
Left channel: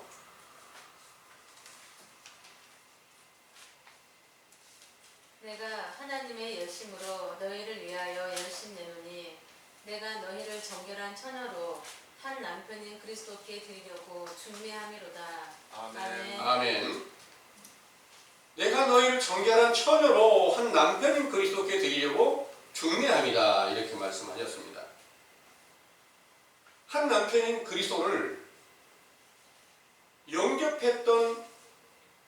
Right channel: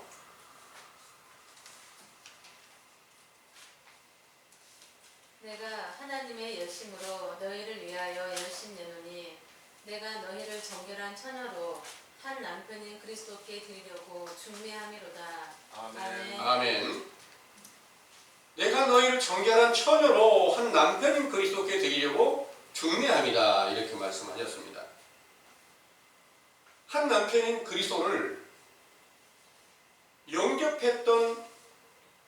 내가 하나님의 열심으로 너희를 위하여 열심내노니 내가 너희를 정결한 처녀로 한 남편인 그리스도께 드리려고 중매함이로다. 아멘. 아멘. 내가 너희를 정결한 처녀로 한 남편인 그리스도께 드리려고 중매함이다, 이렇게 말씀하셨습니다. 한 남편인 그리스도를 영접했던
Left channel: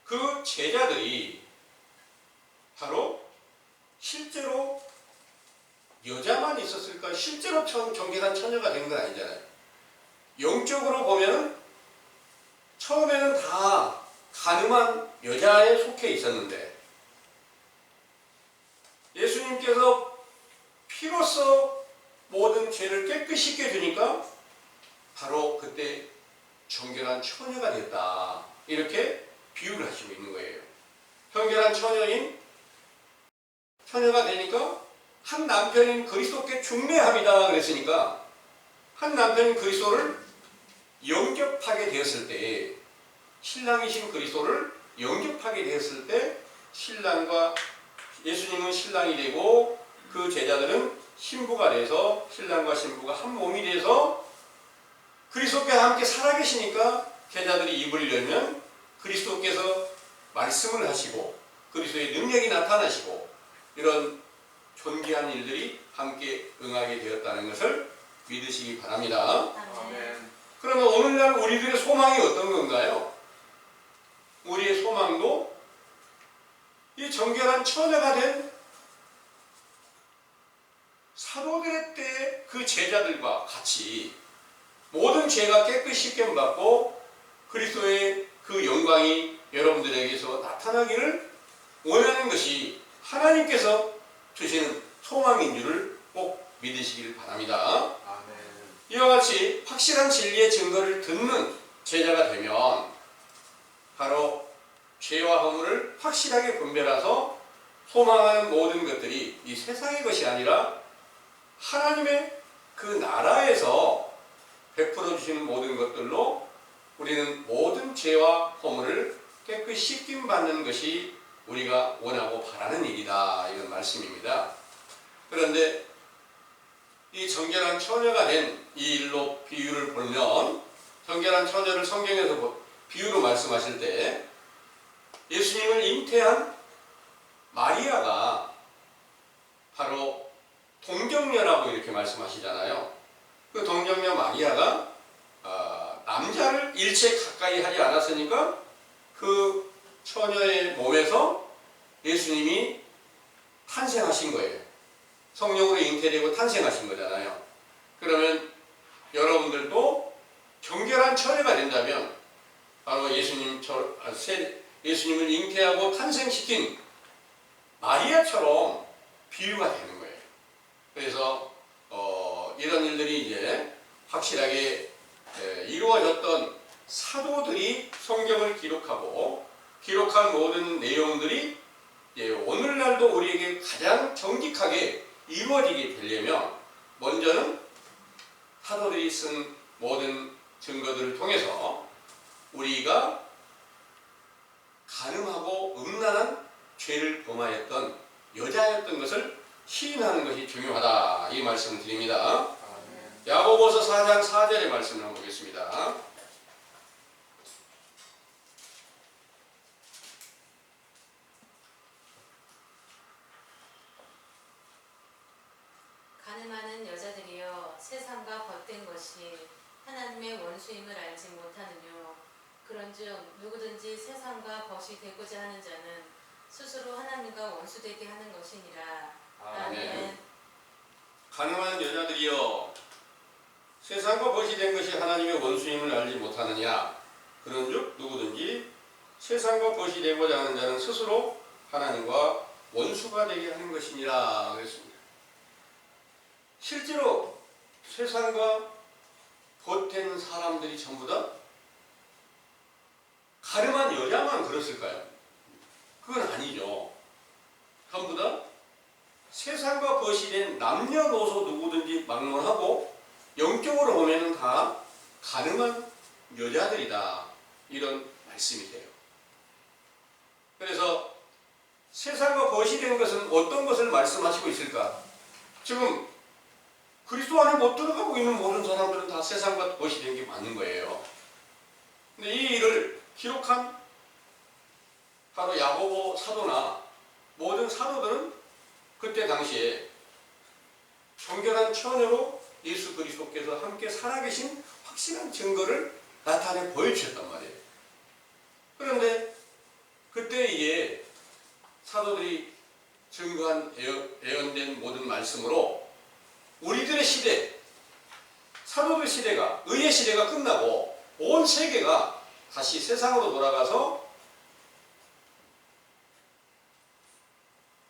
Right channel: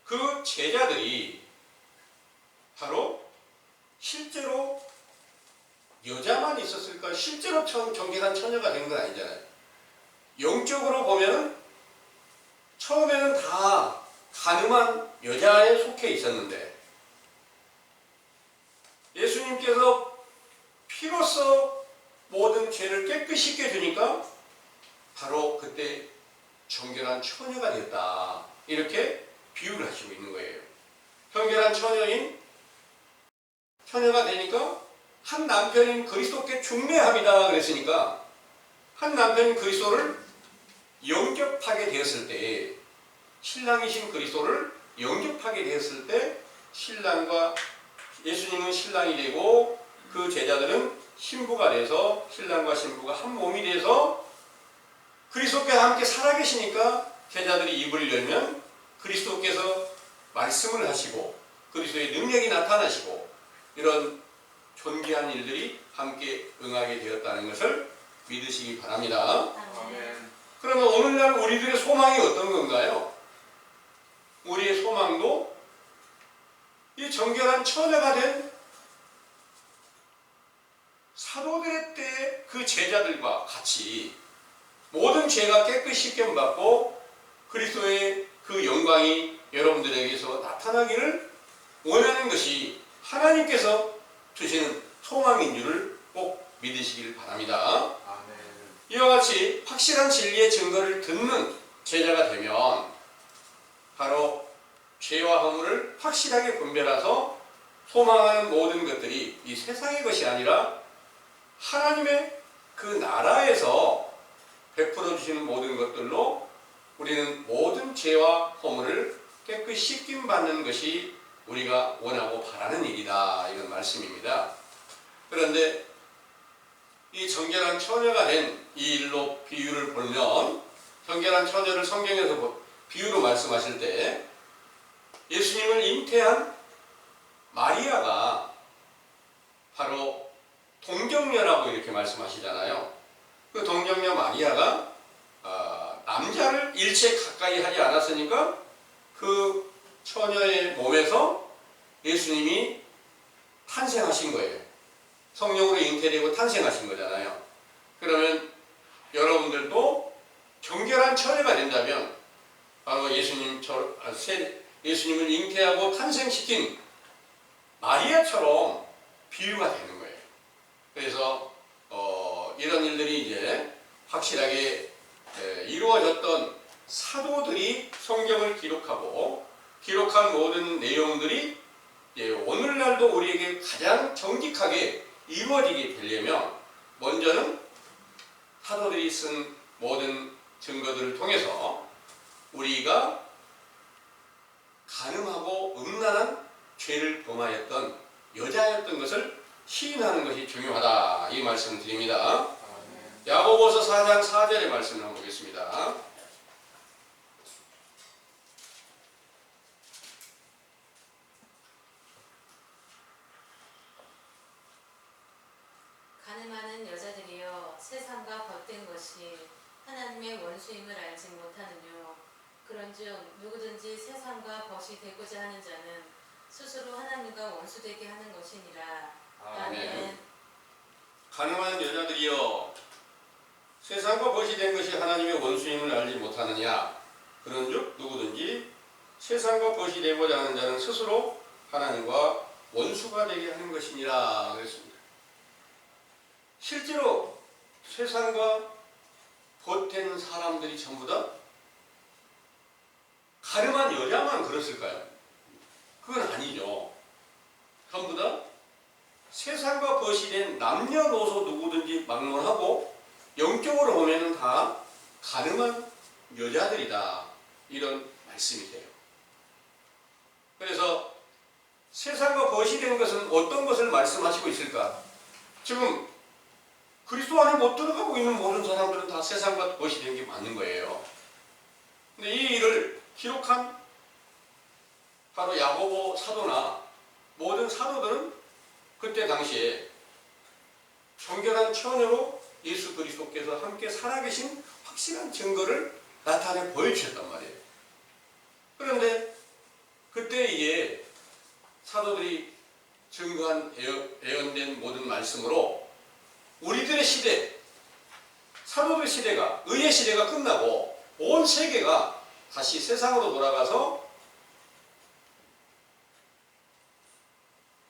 그 제자들이 바로 실제로 여자만 있었을까? 실제로 정결한 처녀가 된 건 아니잖아요. 영적으로 보면 처음에는 다 간음한 여자에 속해 있었는데 예수님께서 피로써 모든 죄를 깨끗이 씻겨주니까 바로 그때 정결한 처녀가 됐다, 이렇게 비유를 하시고 있는 거예요. 정결한 처녀가 되니까 한 남편인 그리스도께 중매함이다 그랬으니까 한 남편인 그리스도를 영접하게 되었을 때, 신랑이신 그리스도를 영접하게 되었을 때 신랑과 예수님은 신랑이 되고 그 제자들은 신부가 돼서 신랑과 신부가 한 몸이 돼서 그리스도께서 함께 살아계시니까 제자들이 입을 열면 그리스도께서 말씀을 하시고 그리스도의 능력이 나타나시고 이런 존귀한 일들이 함께 응하게 되었다는 것을 믿으시기 바랍니다. 아멘. 그러면 오늘날 우리들의 소망이 어떤 건가요? 우리의 소망도 이 정결한 처녀가 된 사도들의 때 그 제자들과 같이 모든 죄가 깨끗이 씻김받고 그리스도의 그 영광이 여러분들에게서 나타나기를 원하는 것이 하나님께서 주시는 소망인 줄을 꼭 믿으시길 바랍니다. 아멘. 이와 같이 확실한 진리의 증거를 듣는 제자가 되면 바로 죄와 허물을 확실하게 분별해서 소망하는 모든 것들이 이 세상의 것이 아니라 하나님의 그 나라에서 베풀어 주시는 모든 것들로 우리는 모든 죄와 허물을 깨끗이 씻김 받는 것이 우리가 원하고 바라는 일이다, 이런 말씀입니다. 그런데 이 정결한 처녀가 된 이 일로 비유를 보면, 정결한 처녀를 성경에서 비유로 말씀하실 때 예수님을 잉태한 마리아가 바로 동정녀라고 이렇게 말씀하시잖아요. 그 동정녀 마리아가 남자를 일체 가까이 하지 않았으니까 그 처녀의 몸에서 예수님이 탄생하신 거예요. 성령으로 잉태되고 탄생하신 거잖아요. 그러면 여러분들도 정결한 처녀가 된다면 바로 예수님을 잉태하고 탄생시킨 마리아처럼 비유가 되는 거예요. 그래서 이런 일들이 이제 확실하게 이루어졌던 사도들이 성경을 기록한 모든 내용들이 오늘날도 우리에게 가장 정직하게 이루어지게 되려면 먼저는 사도들이 쓴 모든 증거들을 통해서 우리가 간음하고 음란한 죄를 범하였던 여자였던 것을 시인하는 것이 중요하다, 이 말씀을 드립니다. 야고보서 4장 4절의 말씀을 한번 보겠습니다. 그런즉 누구든지 세상과 벗이 되고자 하는 자는 스스로 하나님과 원수되게 하는 것이니라. 아멘. 가늠한 여자들이여 세상과 벗이 된 것이 하나님의 원수임을 알지 못하느냐. 그런즉 누구든지 세상과 벗이 되고자 하는 자는 스스로 하나님과 원수가 되게 하는 것이니라 그랬습니다. 실제로 세상과 벗된 사람들이 전부 다 가늠한 여자만 그랬을까요? 그건 아니죠. 전부 다 세상과 벗이 된 남녀노소 누구든지 막론하고 영적으로 보면 다 가늠한 여자들이다. 이런 말씀이 돼요. 그래서 세상과 벗이 된 것은 어떤 것을 말씀하시고 있을까? 지금 그리스도 안에 못 들어가고 있는 모든 사람들은 다 세상과 벗이 된 게 맞는 거예요. 근데 이 일을 기록한 바로 야고보 사도나 모든 사도들은 그때 당시에 정결한 처녀로 예수 그리스도께서 함께 살아계신 확실한 증거를 나타내 보여주셨단 말이에요. 그런데 그때에 사도들이 증거한 예언된 모든 말씀으로 우리들의 시대, 사도들 시대가, 의의 시대가 끝나고 온 세계가 다시 세상으로 돌아가서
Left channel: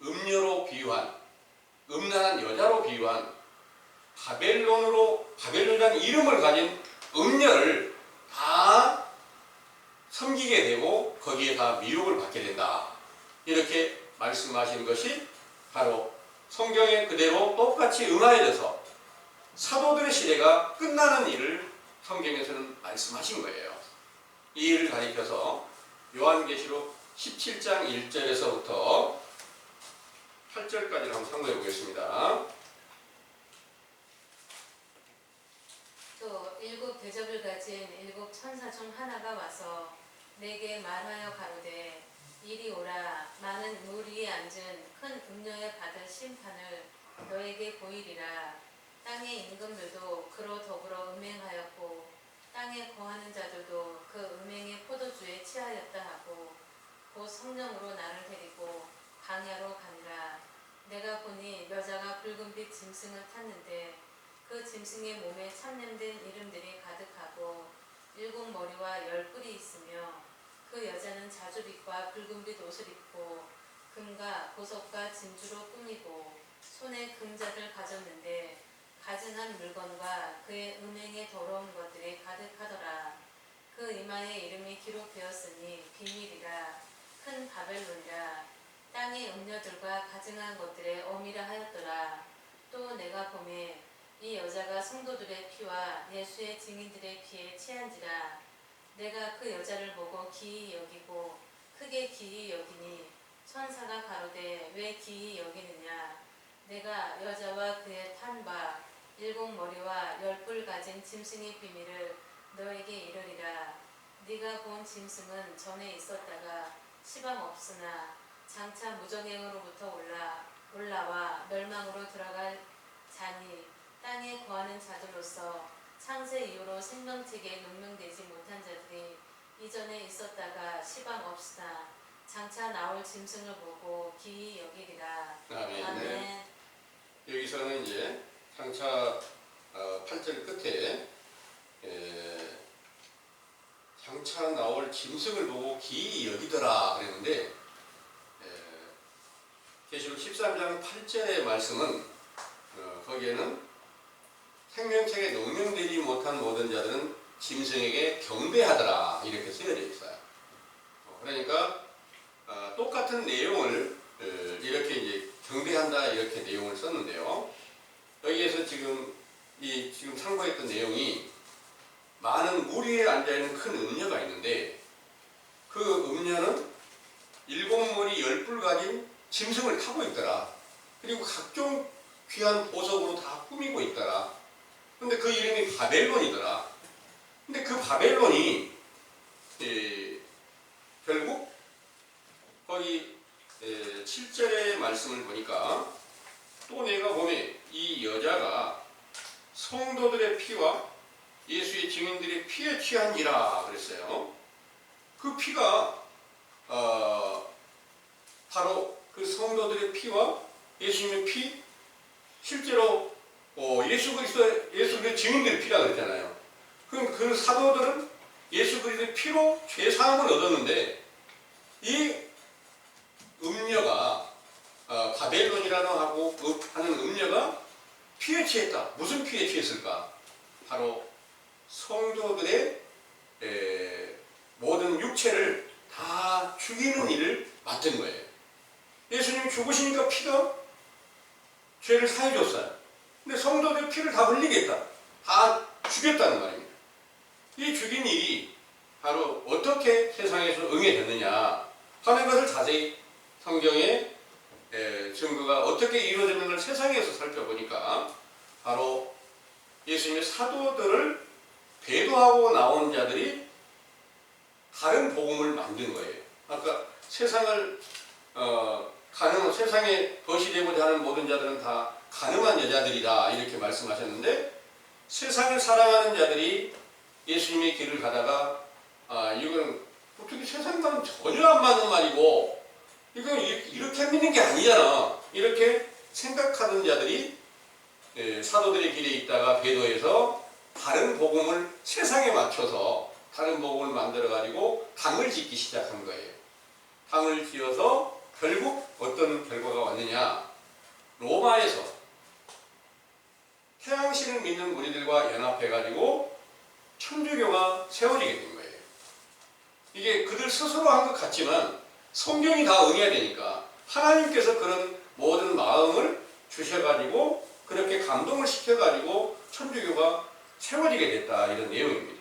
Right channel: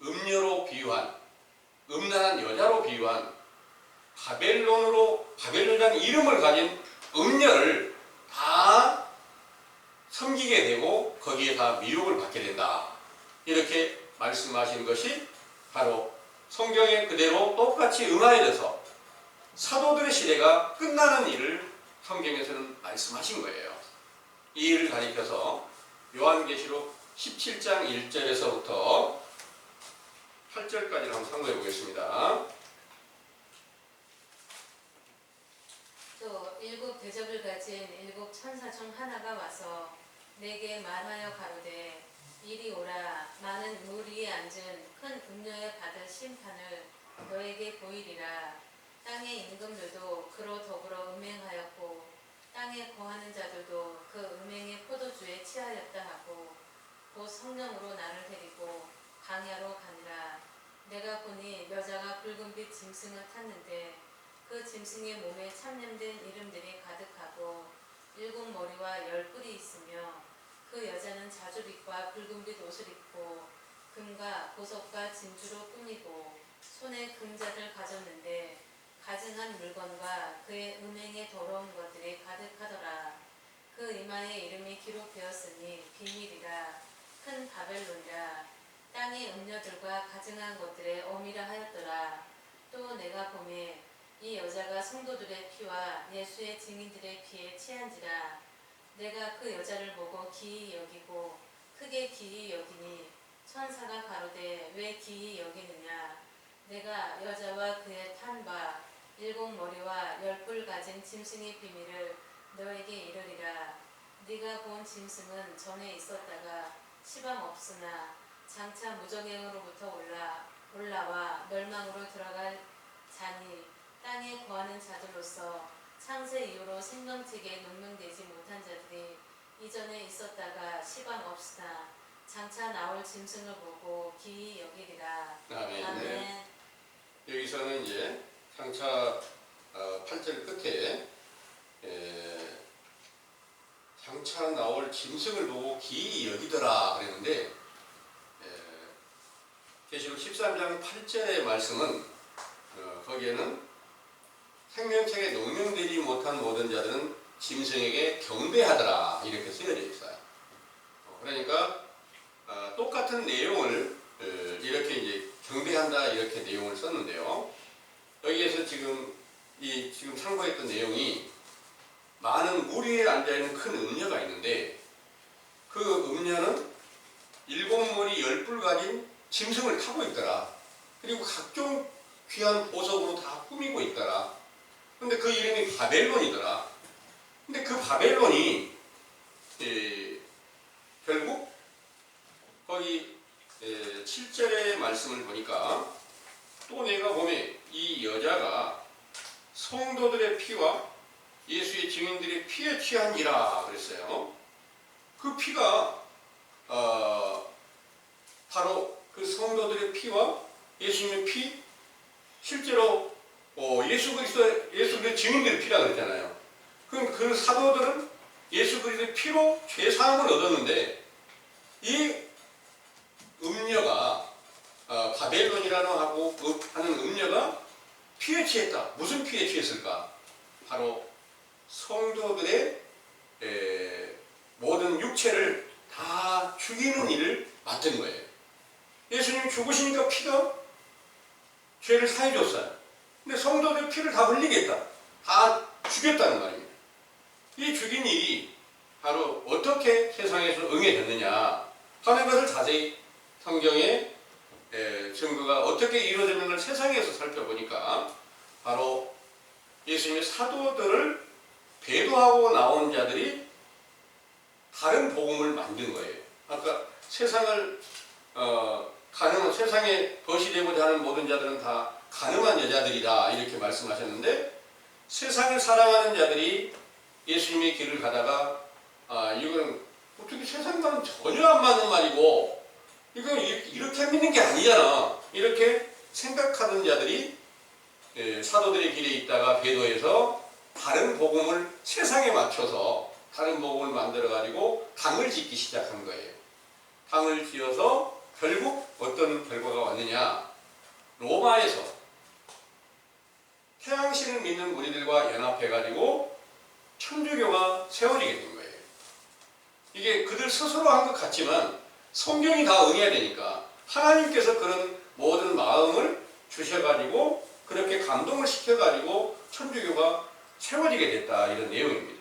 음녀로 비유한, 음란한 여자로 비유한 바벨론이라는 이름을 가진 음녀를 다 섬기게 되고 거기에 다 미혹을 받게 된다. 이렇게 말씀하신 것이 바로 성경에 그대로 똑같이 응하여져서 사도들의 시대가 끝나는 일을 성경에서는 말씀하신 거예요. 이 일을 가리켜서 요한계시록 17장 1절에서부터 8절까지를 한번 참고해 보겠습니다. 또 일곱 대접을 가진 일곱 천사 중 하나가 와서 내게 말하여 가로되 이리 오라. 많은 물 위에 앉은 큰 음녀에 받을 심판을 너에게 보이리라. 땅의 임금들도 그로 더불어 음행하였고 땅에 거하는 자들도 그 음행의 포도주에 취하였다 하고 곧 성령으로 나를 데리고 광야로 가니라. 내가 보니 여자가 붉은빛 짐승을 탔는데 그 짐승의 몸에 참냄된 이름들이 가득하고 일곱 머리와 열 뿔이 있으며 그 여자는 자주빛과 붉은빛 옷을 입고 금과 보석과 진주로 꾸미고 손에 금자를 가졌는데 가증한 물건과 그의 음행의 더러운 것들이 가득하더라. 그 이마에 이름이 기록되었으니 비밀이라 큰 바벨론이라 땅의 음녀들과 가증한 것들의 어미라 하였더라. 또 내가 보매 이 여자가 성도들의 피와 예수의 증인들의 피에 취한지라. 내가 그 여자를 보고 기이 여기고 크게 기이 여기니 천사가 가로되 왜 기이 여기느냐. 내가 여자와 그의 탄 바 일곱 머리와 열 뿔 가진 짐승의 비밀을 너에게 이르리라. 네가 본 짐승은 전에 있었다가 시방 없으나 장차 무정행으로부터 올라와 멸망으로 들어갈 자니 땅에 거하는 자들로서 창세 이후로 생명책에 명명되지 못한 자들이 이전에 있었다가 시방 없으나 장차 나올 짐승을 보고 기이 여기리라. 아멘. 아멘. 여기서는 이제 장차 8절 끝에 장차 나올 짐승을 보고 기이 여기더라 그랬는데 계시록 13장 8절의 말씀은 거기에는 생명책에 명명되지 못한 모든 자들은 짐승에게 경배하더라 이렇게 쓰여져 있어요. 그러니까 똑같은 내용을 이렇게 이제 경배한다 이렇게 내용을 썼는데요. 여기에서 지금 참고했던 내용이 많은 물 위에 앉아 있는 큰 음녀가 있는데 그 음녀는 일곱 머리 열 뿔 가진 짐승을 타고 있더라. 그리고 각종 귀한 보석으로 다 꾸미고 있더라. 근데 그 이름이 바벨론이더라. 근데 그 바벨론이 결국 거기 7절의 말씀을 보니까 또 내가 보면 이 여자가 성도들의 피와 예수의 증인들의 피에 취한지라 그랬어요. 그 피가 바로 그 성도들의 피와 예수님의 피, 실제로 예수 그리스도의 증인들의 피라 그랬잖아요. 그럼 그 사도들은 예수 그리스도의 피로 죄 사함을 얻었는데 이 음녀가 바벨론이라는 하는 음녀가 피에 취했다. 무슨 피에 취했을까? 바로 성도들의 모든 육체를 다 죽이는 일을 맡은 거예요. 예수님이 죽으시니까 피가 죄를 사해줬어요. 근데 성도들의 피를 다 흘리겠다. 다 죽였다는 말입니다. 이 죽인 일이 바로 어떻게 세상에서 응해졌느냐 하는 것을 자세히 성경에 증거가 어떻게 이루어졌는지를 세상에서 살펴보니까 바로 예수님의 사도들을 배도하고 나온 자들이 다른 복음을 만든 거예요. 아까 세상을 세상에 벗이 되고자 하는 모든 자들은 다 가늠한 여자들이다 이렇게 말씀하셨는데 세상을 사랑하는 자들이 예수님의 길을 가다가 이건 어떻게 세상과는 전혀 안 맞는 말이고 이거 이렇게 믿는 게 아니잖아 이렇게 생각하던 자들이 사도들의 길에 있다가 배도해서 다른 복음을 세상에 맞춰서 다른 복음을 만들어 가지고 당을 짓기 시작한 거예요. 당을 지어서 결국 어떤 결과가 왔느냐, 로마에서 태양신을 믿는 무리들과 연합해 가지고 천주교가 세워지게 된 거예요. 이게 그들 스스로 한 것 같지만 성경이 다 응해야 되니까 하나님께서 그런 모든 마음을 주셔가지고 그렇게 감동을 시켜가지고 천주교가 세워지게 됐다 이런 내용입니다.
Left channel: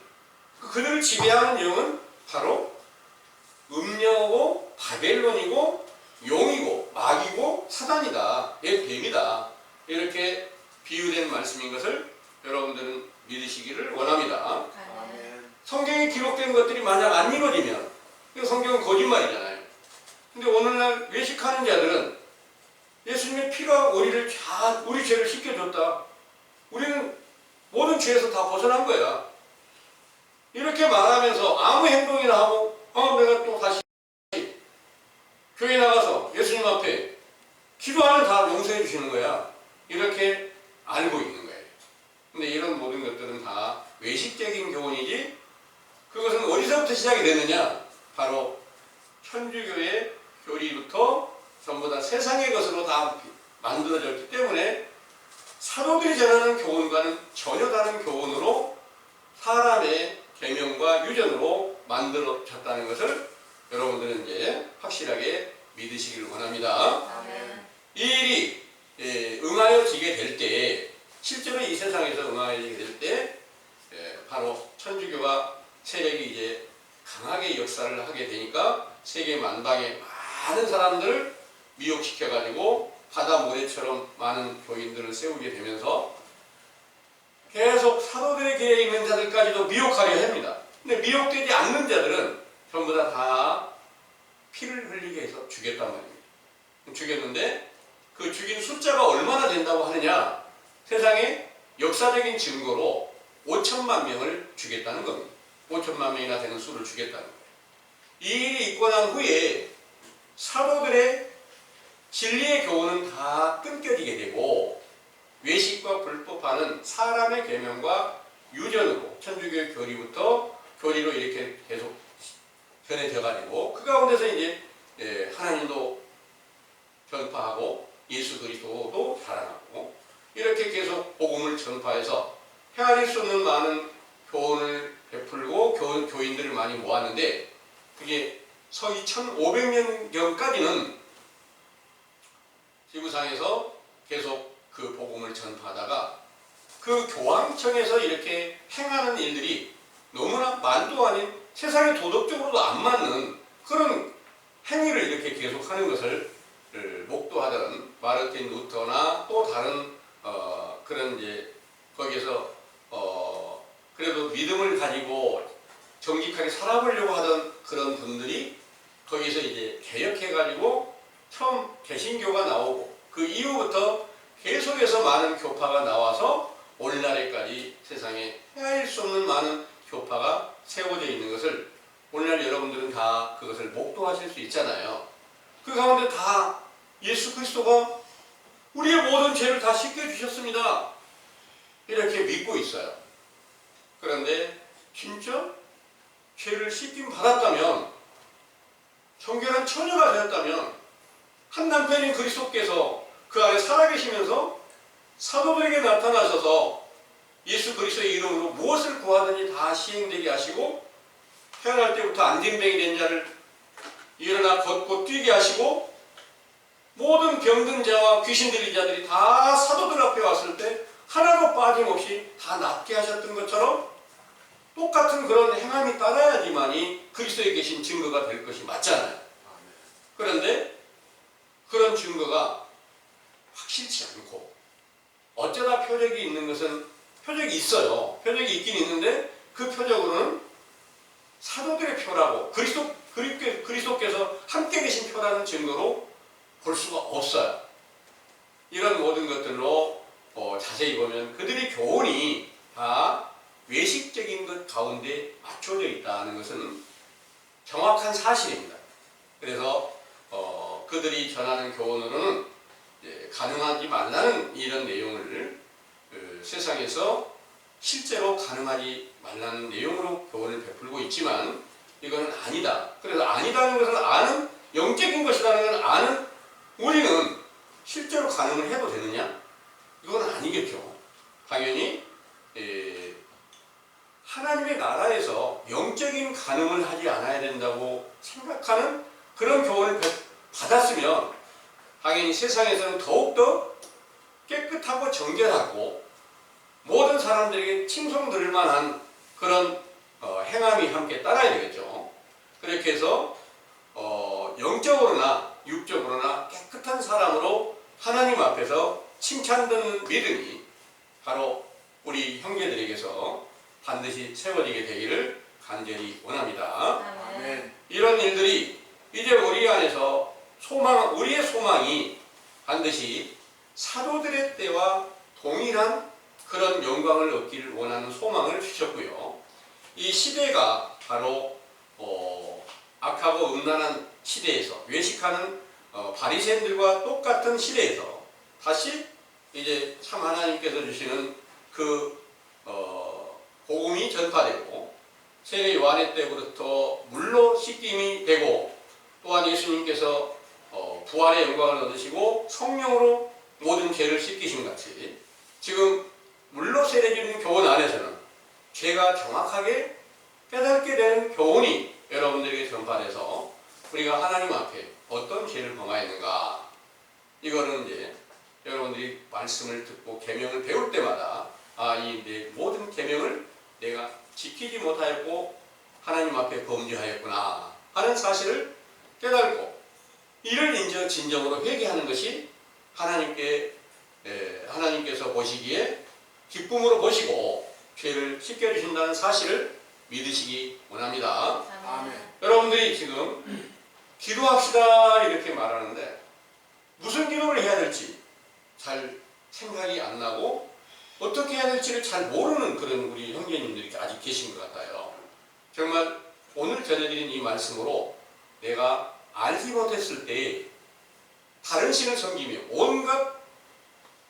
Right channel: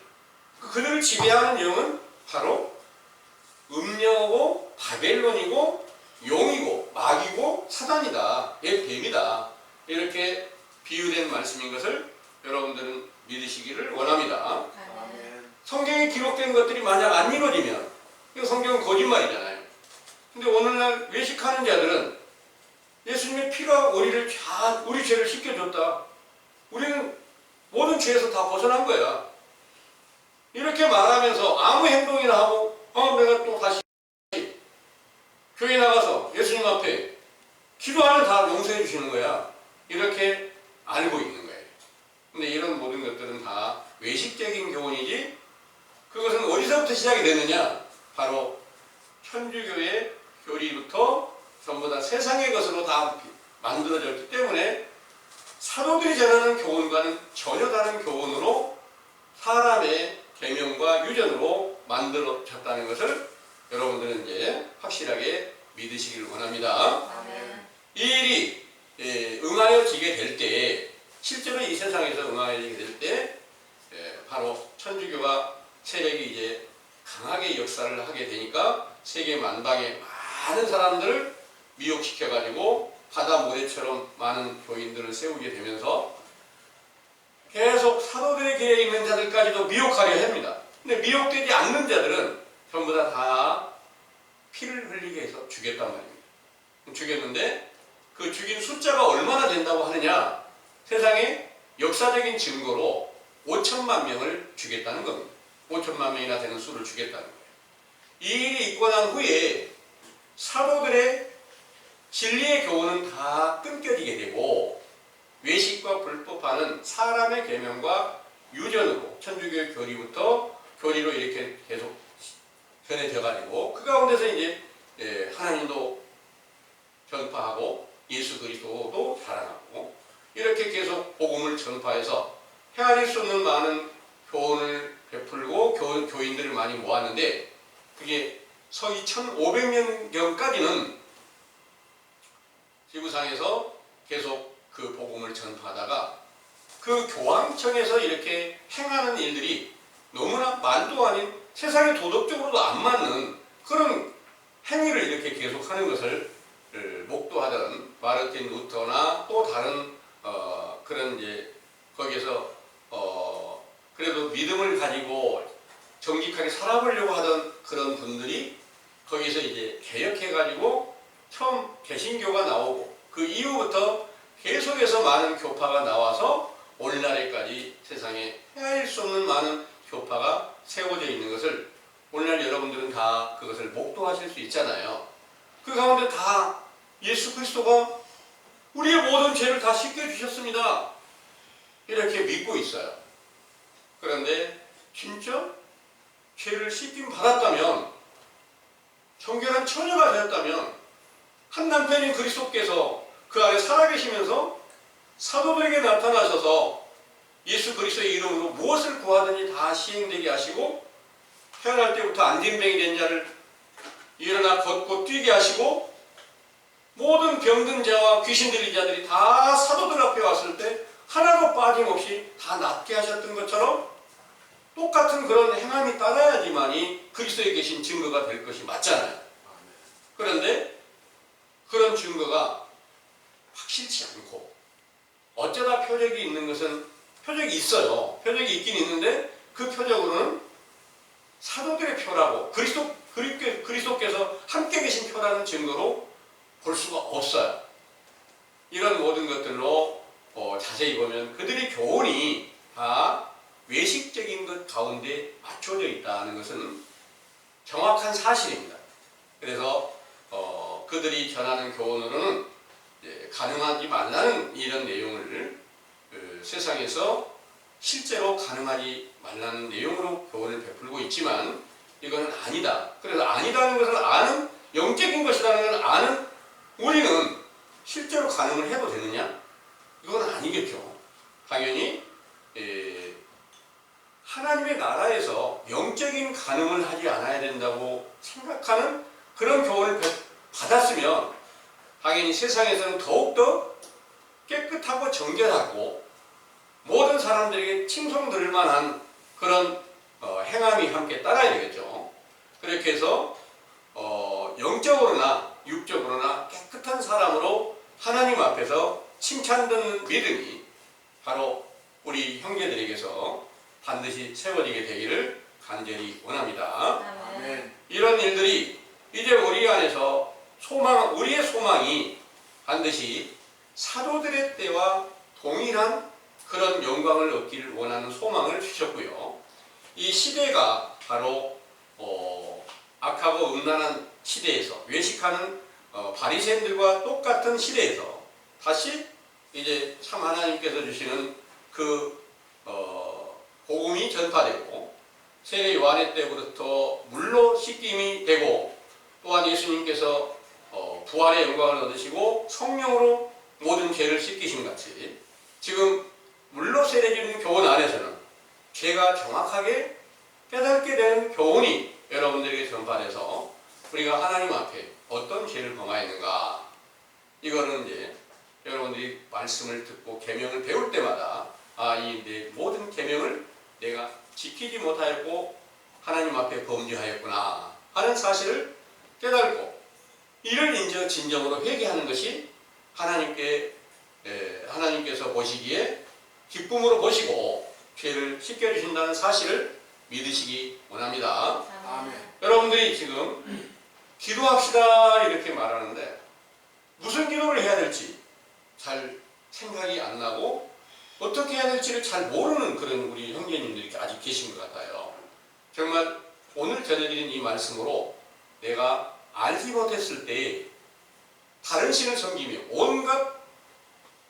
그들을 지배하는 영은 바로 음녀고 바벨론이고 용이고 마귀고 사단이다, 뱀이다 이렇게 비유된 말씀인 것을 여러분들은 믿으시기를 원합니다. 아멘. 성경에 기록된 것들이 만약 안 이루어지면 이 성경은 거짓말이잖아요. 근데 오늘날 외식하는 자들은 예수님의 피가 우리 죄를 씻겨줬다. 우리는 모든 죄에서 다 벗어난 거야. 이렇게 말하면서 아무 행동이나 하고 내가 또 다시 교회 나가서 예수님 앞에 기도하면 다 용서해 주시는 거야. 이렇게 알고 있는 거예요. 근데 이런 모든 것들은 다 외식적인 교훈이지 그것은 어디서부터 시작이 됐느냐? 바로 천주교의 교리부터 전부 다 세상의 것으로 다 만들어졌기 때문에 사도들이 전하는 교훈과는 전혀 다른 교훈으로 사람의 계명과 유전으로 만들어졌다는 것을 여러분들은 이제 확실하게 믿으시길 원합니다. 아멘. 이 일이 응하여지게 될 때, 실제로 이 세상에서 응하여지게 될 때, 바로 천주교가 세력이 이제 강하게 역사를 하게 되니까 세계 만방에 많은 사람들을 미혹시켜가지고 바다 모래처럼 많은 교인들을 세우게 되면서 계속 사도들의 길에 있는 자들까지도 미혹하려 합니다. 근데 미혹되지 않는 자들은 전부 다 피를 흘리게 해서 죽였단 말입니다. 죽였는데 그 죽인 숫자가 얼마나 된다고 하느냐? 세상에 역사적인 증거로 5천만 명을 죽였다는 겁니다. 5천만 명이나 되는 수를 죽였다는 거예요. 이 일이 있고 난 후에 사도들의 진리의 교훈은 다 끊겨지게 되고 외식과 불법하는 사람의 계명과 유전으로 천주교의 교리로 이렇게 계속 변해져 가지고 그 가운데서 이제 하나님도 전파하고 예수 그리스도도 자랑하고 이렇게 계속 복음을 전파해서 헤아릴 수 없는 많은 교훈을 베풀고 교인들을 많이 모았는데 그게 서기 1500년경까지는 지구상에서 계속 그 복음을 전파하다가 그 교황청에서 이렇게 행하는 일들이 너무나 말도 아닌 세상에 도덕적으로도 안 맞는 그런 행위를 이렇게 계속하는 것을 목도하던 마르틴 루터나 또 다른 그런 이제 거기에서 그래도 믿음을 가지고 정직하게 살아보려고 하던 그런 분들이 거기서 이제 개혁해가지고 처음 개신교가 나오고 그 이후부터 계속해서 많은 교파가 나와서 오늘날에까지 세상에 헤아릴 수 없는 많은 교파가 세워져 있는 것을 오늘날 여러분들은 다 그것을 목도하실 수 있잖아요. 그 가운데 다 예수 그리스도가 우리의 모든 죄를 다 씻겨주셨습니다. 이렇게 믿고 있어요. 그런데 진짜 죄를 씻김 받았다면, 정결한 처녀가 되었다면, 한 남편인 그리스도께서 그 안에 살아계시면서 사도들에게 나타나셔서 예수 그리스도의 이름으로 무엇을 구하든지 다 시행되게 하시고, 태어날 때부터 안진뱅이 된 자를 일어나 걷고 뛰게 하시고, 모든 병든 자와 귀신 들린 자들이 다 사도들 앞에 왔을 때 하나도 빠짐없이 다 낫게 하셨던 것처럼 똑같은 그런 행함이 따라야지만이 그리스도에 계신 증거가 될 것이 맞잖아요. 그런데 그런 증거가 확실치 않고, 어쩌다 표적이 있는 것은 표적이 있어요. 표적이 있긴 있는데 그 표적으로는 사도들의 표라고 그리스도께서 함께 계신 표라는 증거로 볼 수가 없어요. 이런 모든 것들로 자세히 보면 그들의 교훈이 다 외식적인 것 가운데 맞춰져 있다는 것은 정확한 사실입니다. 그래서 그들이 전하는 교훈으로는 가능하지 말라는 이런 내용을 세상에서 실제로 가능하지 말라는 내용으로 교훈을 베풀고 있지만, 이거는 아니다. 그래서 아니다는 것을 아는, 영적인 것이라는 걸 아는 우리는 실제로 가능을 해도 되느냐? 이건 아니겠죠. 당연히 하나님의 나라에서 영적인 가능을 하지 않아야 된다고 생각하는 그런 교훈을 받았으면 당연히 세상에서는 더욱더 깨끗하고 정결하고 모든 사람들에게 칭송들을 만한 그런 행함이 함께 따라야 되겠죠. 그렇게 해서 영적으로나 육적으로나 깨끗한 사람으로 하나님 앞에서 칭찬받는 믿음이 바로 우리 형제들에게서 반드시 세워지게 되기를 간절히 원합니다. 아멘. 이런 일들이 이제 우리 안에서 우리의 소망이 반드시 사도들의 때와 동일한 그런 영광을 얻기를 원하는 소망을 주셨고요. 이 시대가 바로 악하고 음란한 시대에서, 외식하는 바리새인들과 똑같은 시대에서 다시 이제 참 하나님께서 주시는 그 복음이 전파되고, 세례 요한의 때부터 물로 씻김이 되고, 또한 예수님께서 부활의 영광을 얻으시고 성령으로 모든 죄를 씻기신 같이, 지금 물로 세례주는 교훈 안에서는 죄가 정확하게 깨닫게 되는 교훈이 여러분들에게 전파돼서 우리가 하나님 앞에 어떤 죄를 범하였는가, 이거는 이제 여러분들이 말씀을 듣고 계명을 배울 때마다 이 내 모든 계명을 내가 지키지 못하였고 하나님 앞에 범죄하였구나 하는 사실을 깨닫고, 이를 진정으로 회개하는 것이 하나님께서 보시기에 기쁨으로 보시고 죄를 씻겨주신다는 사실을 믿으시기 원합니다. 아멘. 여러분들이 지금 기도합시다 이렇게 말하는데 무슨 기도를 해야 될지 잘 생각이 안 나고 어떻게 해야 될지를 잘 모르는 그런 우리 형제님들이 아직 계신 것 같아요. 정말 오늘 전해드린 이 말씀으로 내가 알지 못했을 때 다른 신을 섬기며 온갖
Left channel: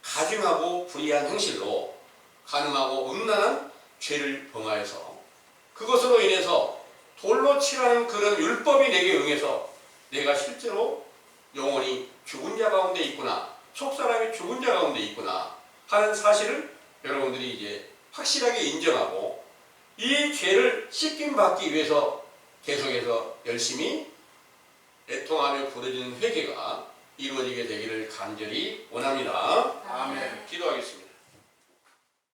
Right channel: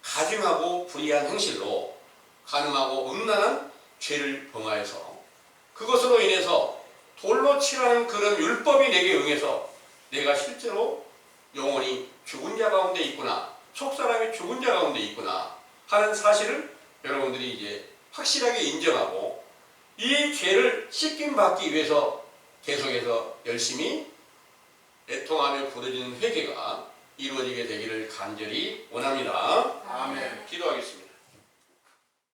가증하고 불의한 행실로 간음하고 음란한 죄를 범하여서 그것으로 인해서 돌로 치라는 그런 율법이 내게 응해서 내가 실제로 영혼이 죽은 자 가운데 있구나, 속사람이 죽은 자 가운데 있구나 하는 사실을 여러분들이 이제 확실하게 인정하고 이 죄를 씻김 받기 위해서 계속해서 열심히 애통하며 부르짖는 회개가 이루어지게 되기를 간절히 원합니다. 아멘. 기도하겠습니다.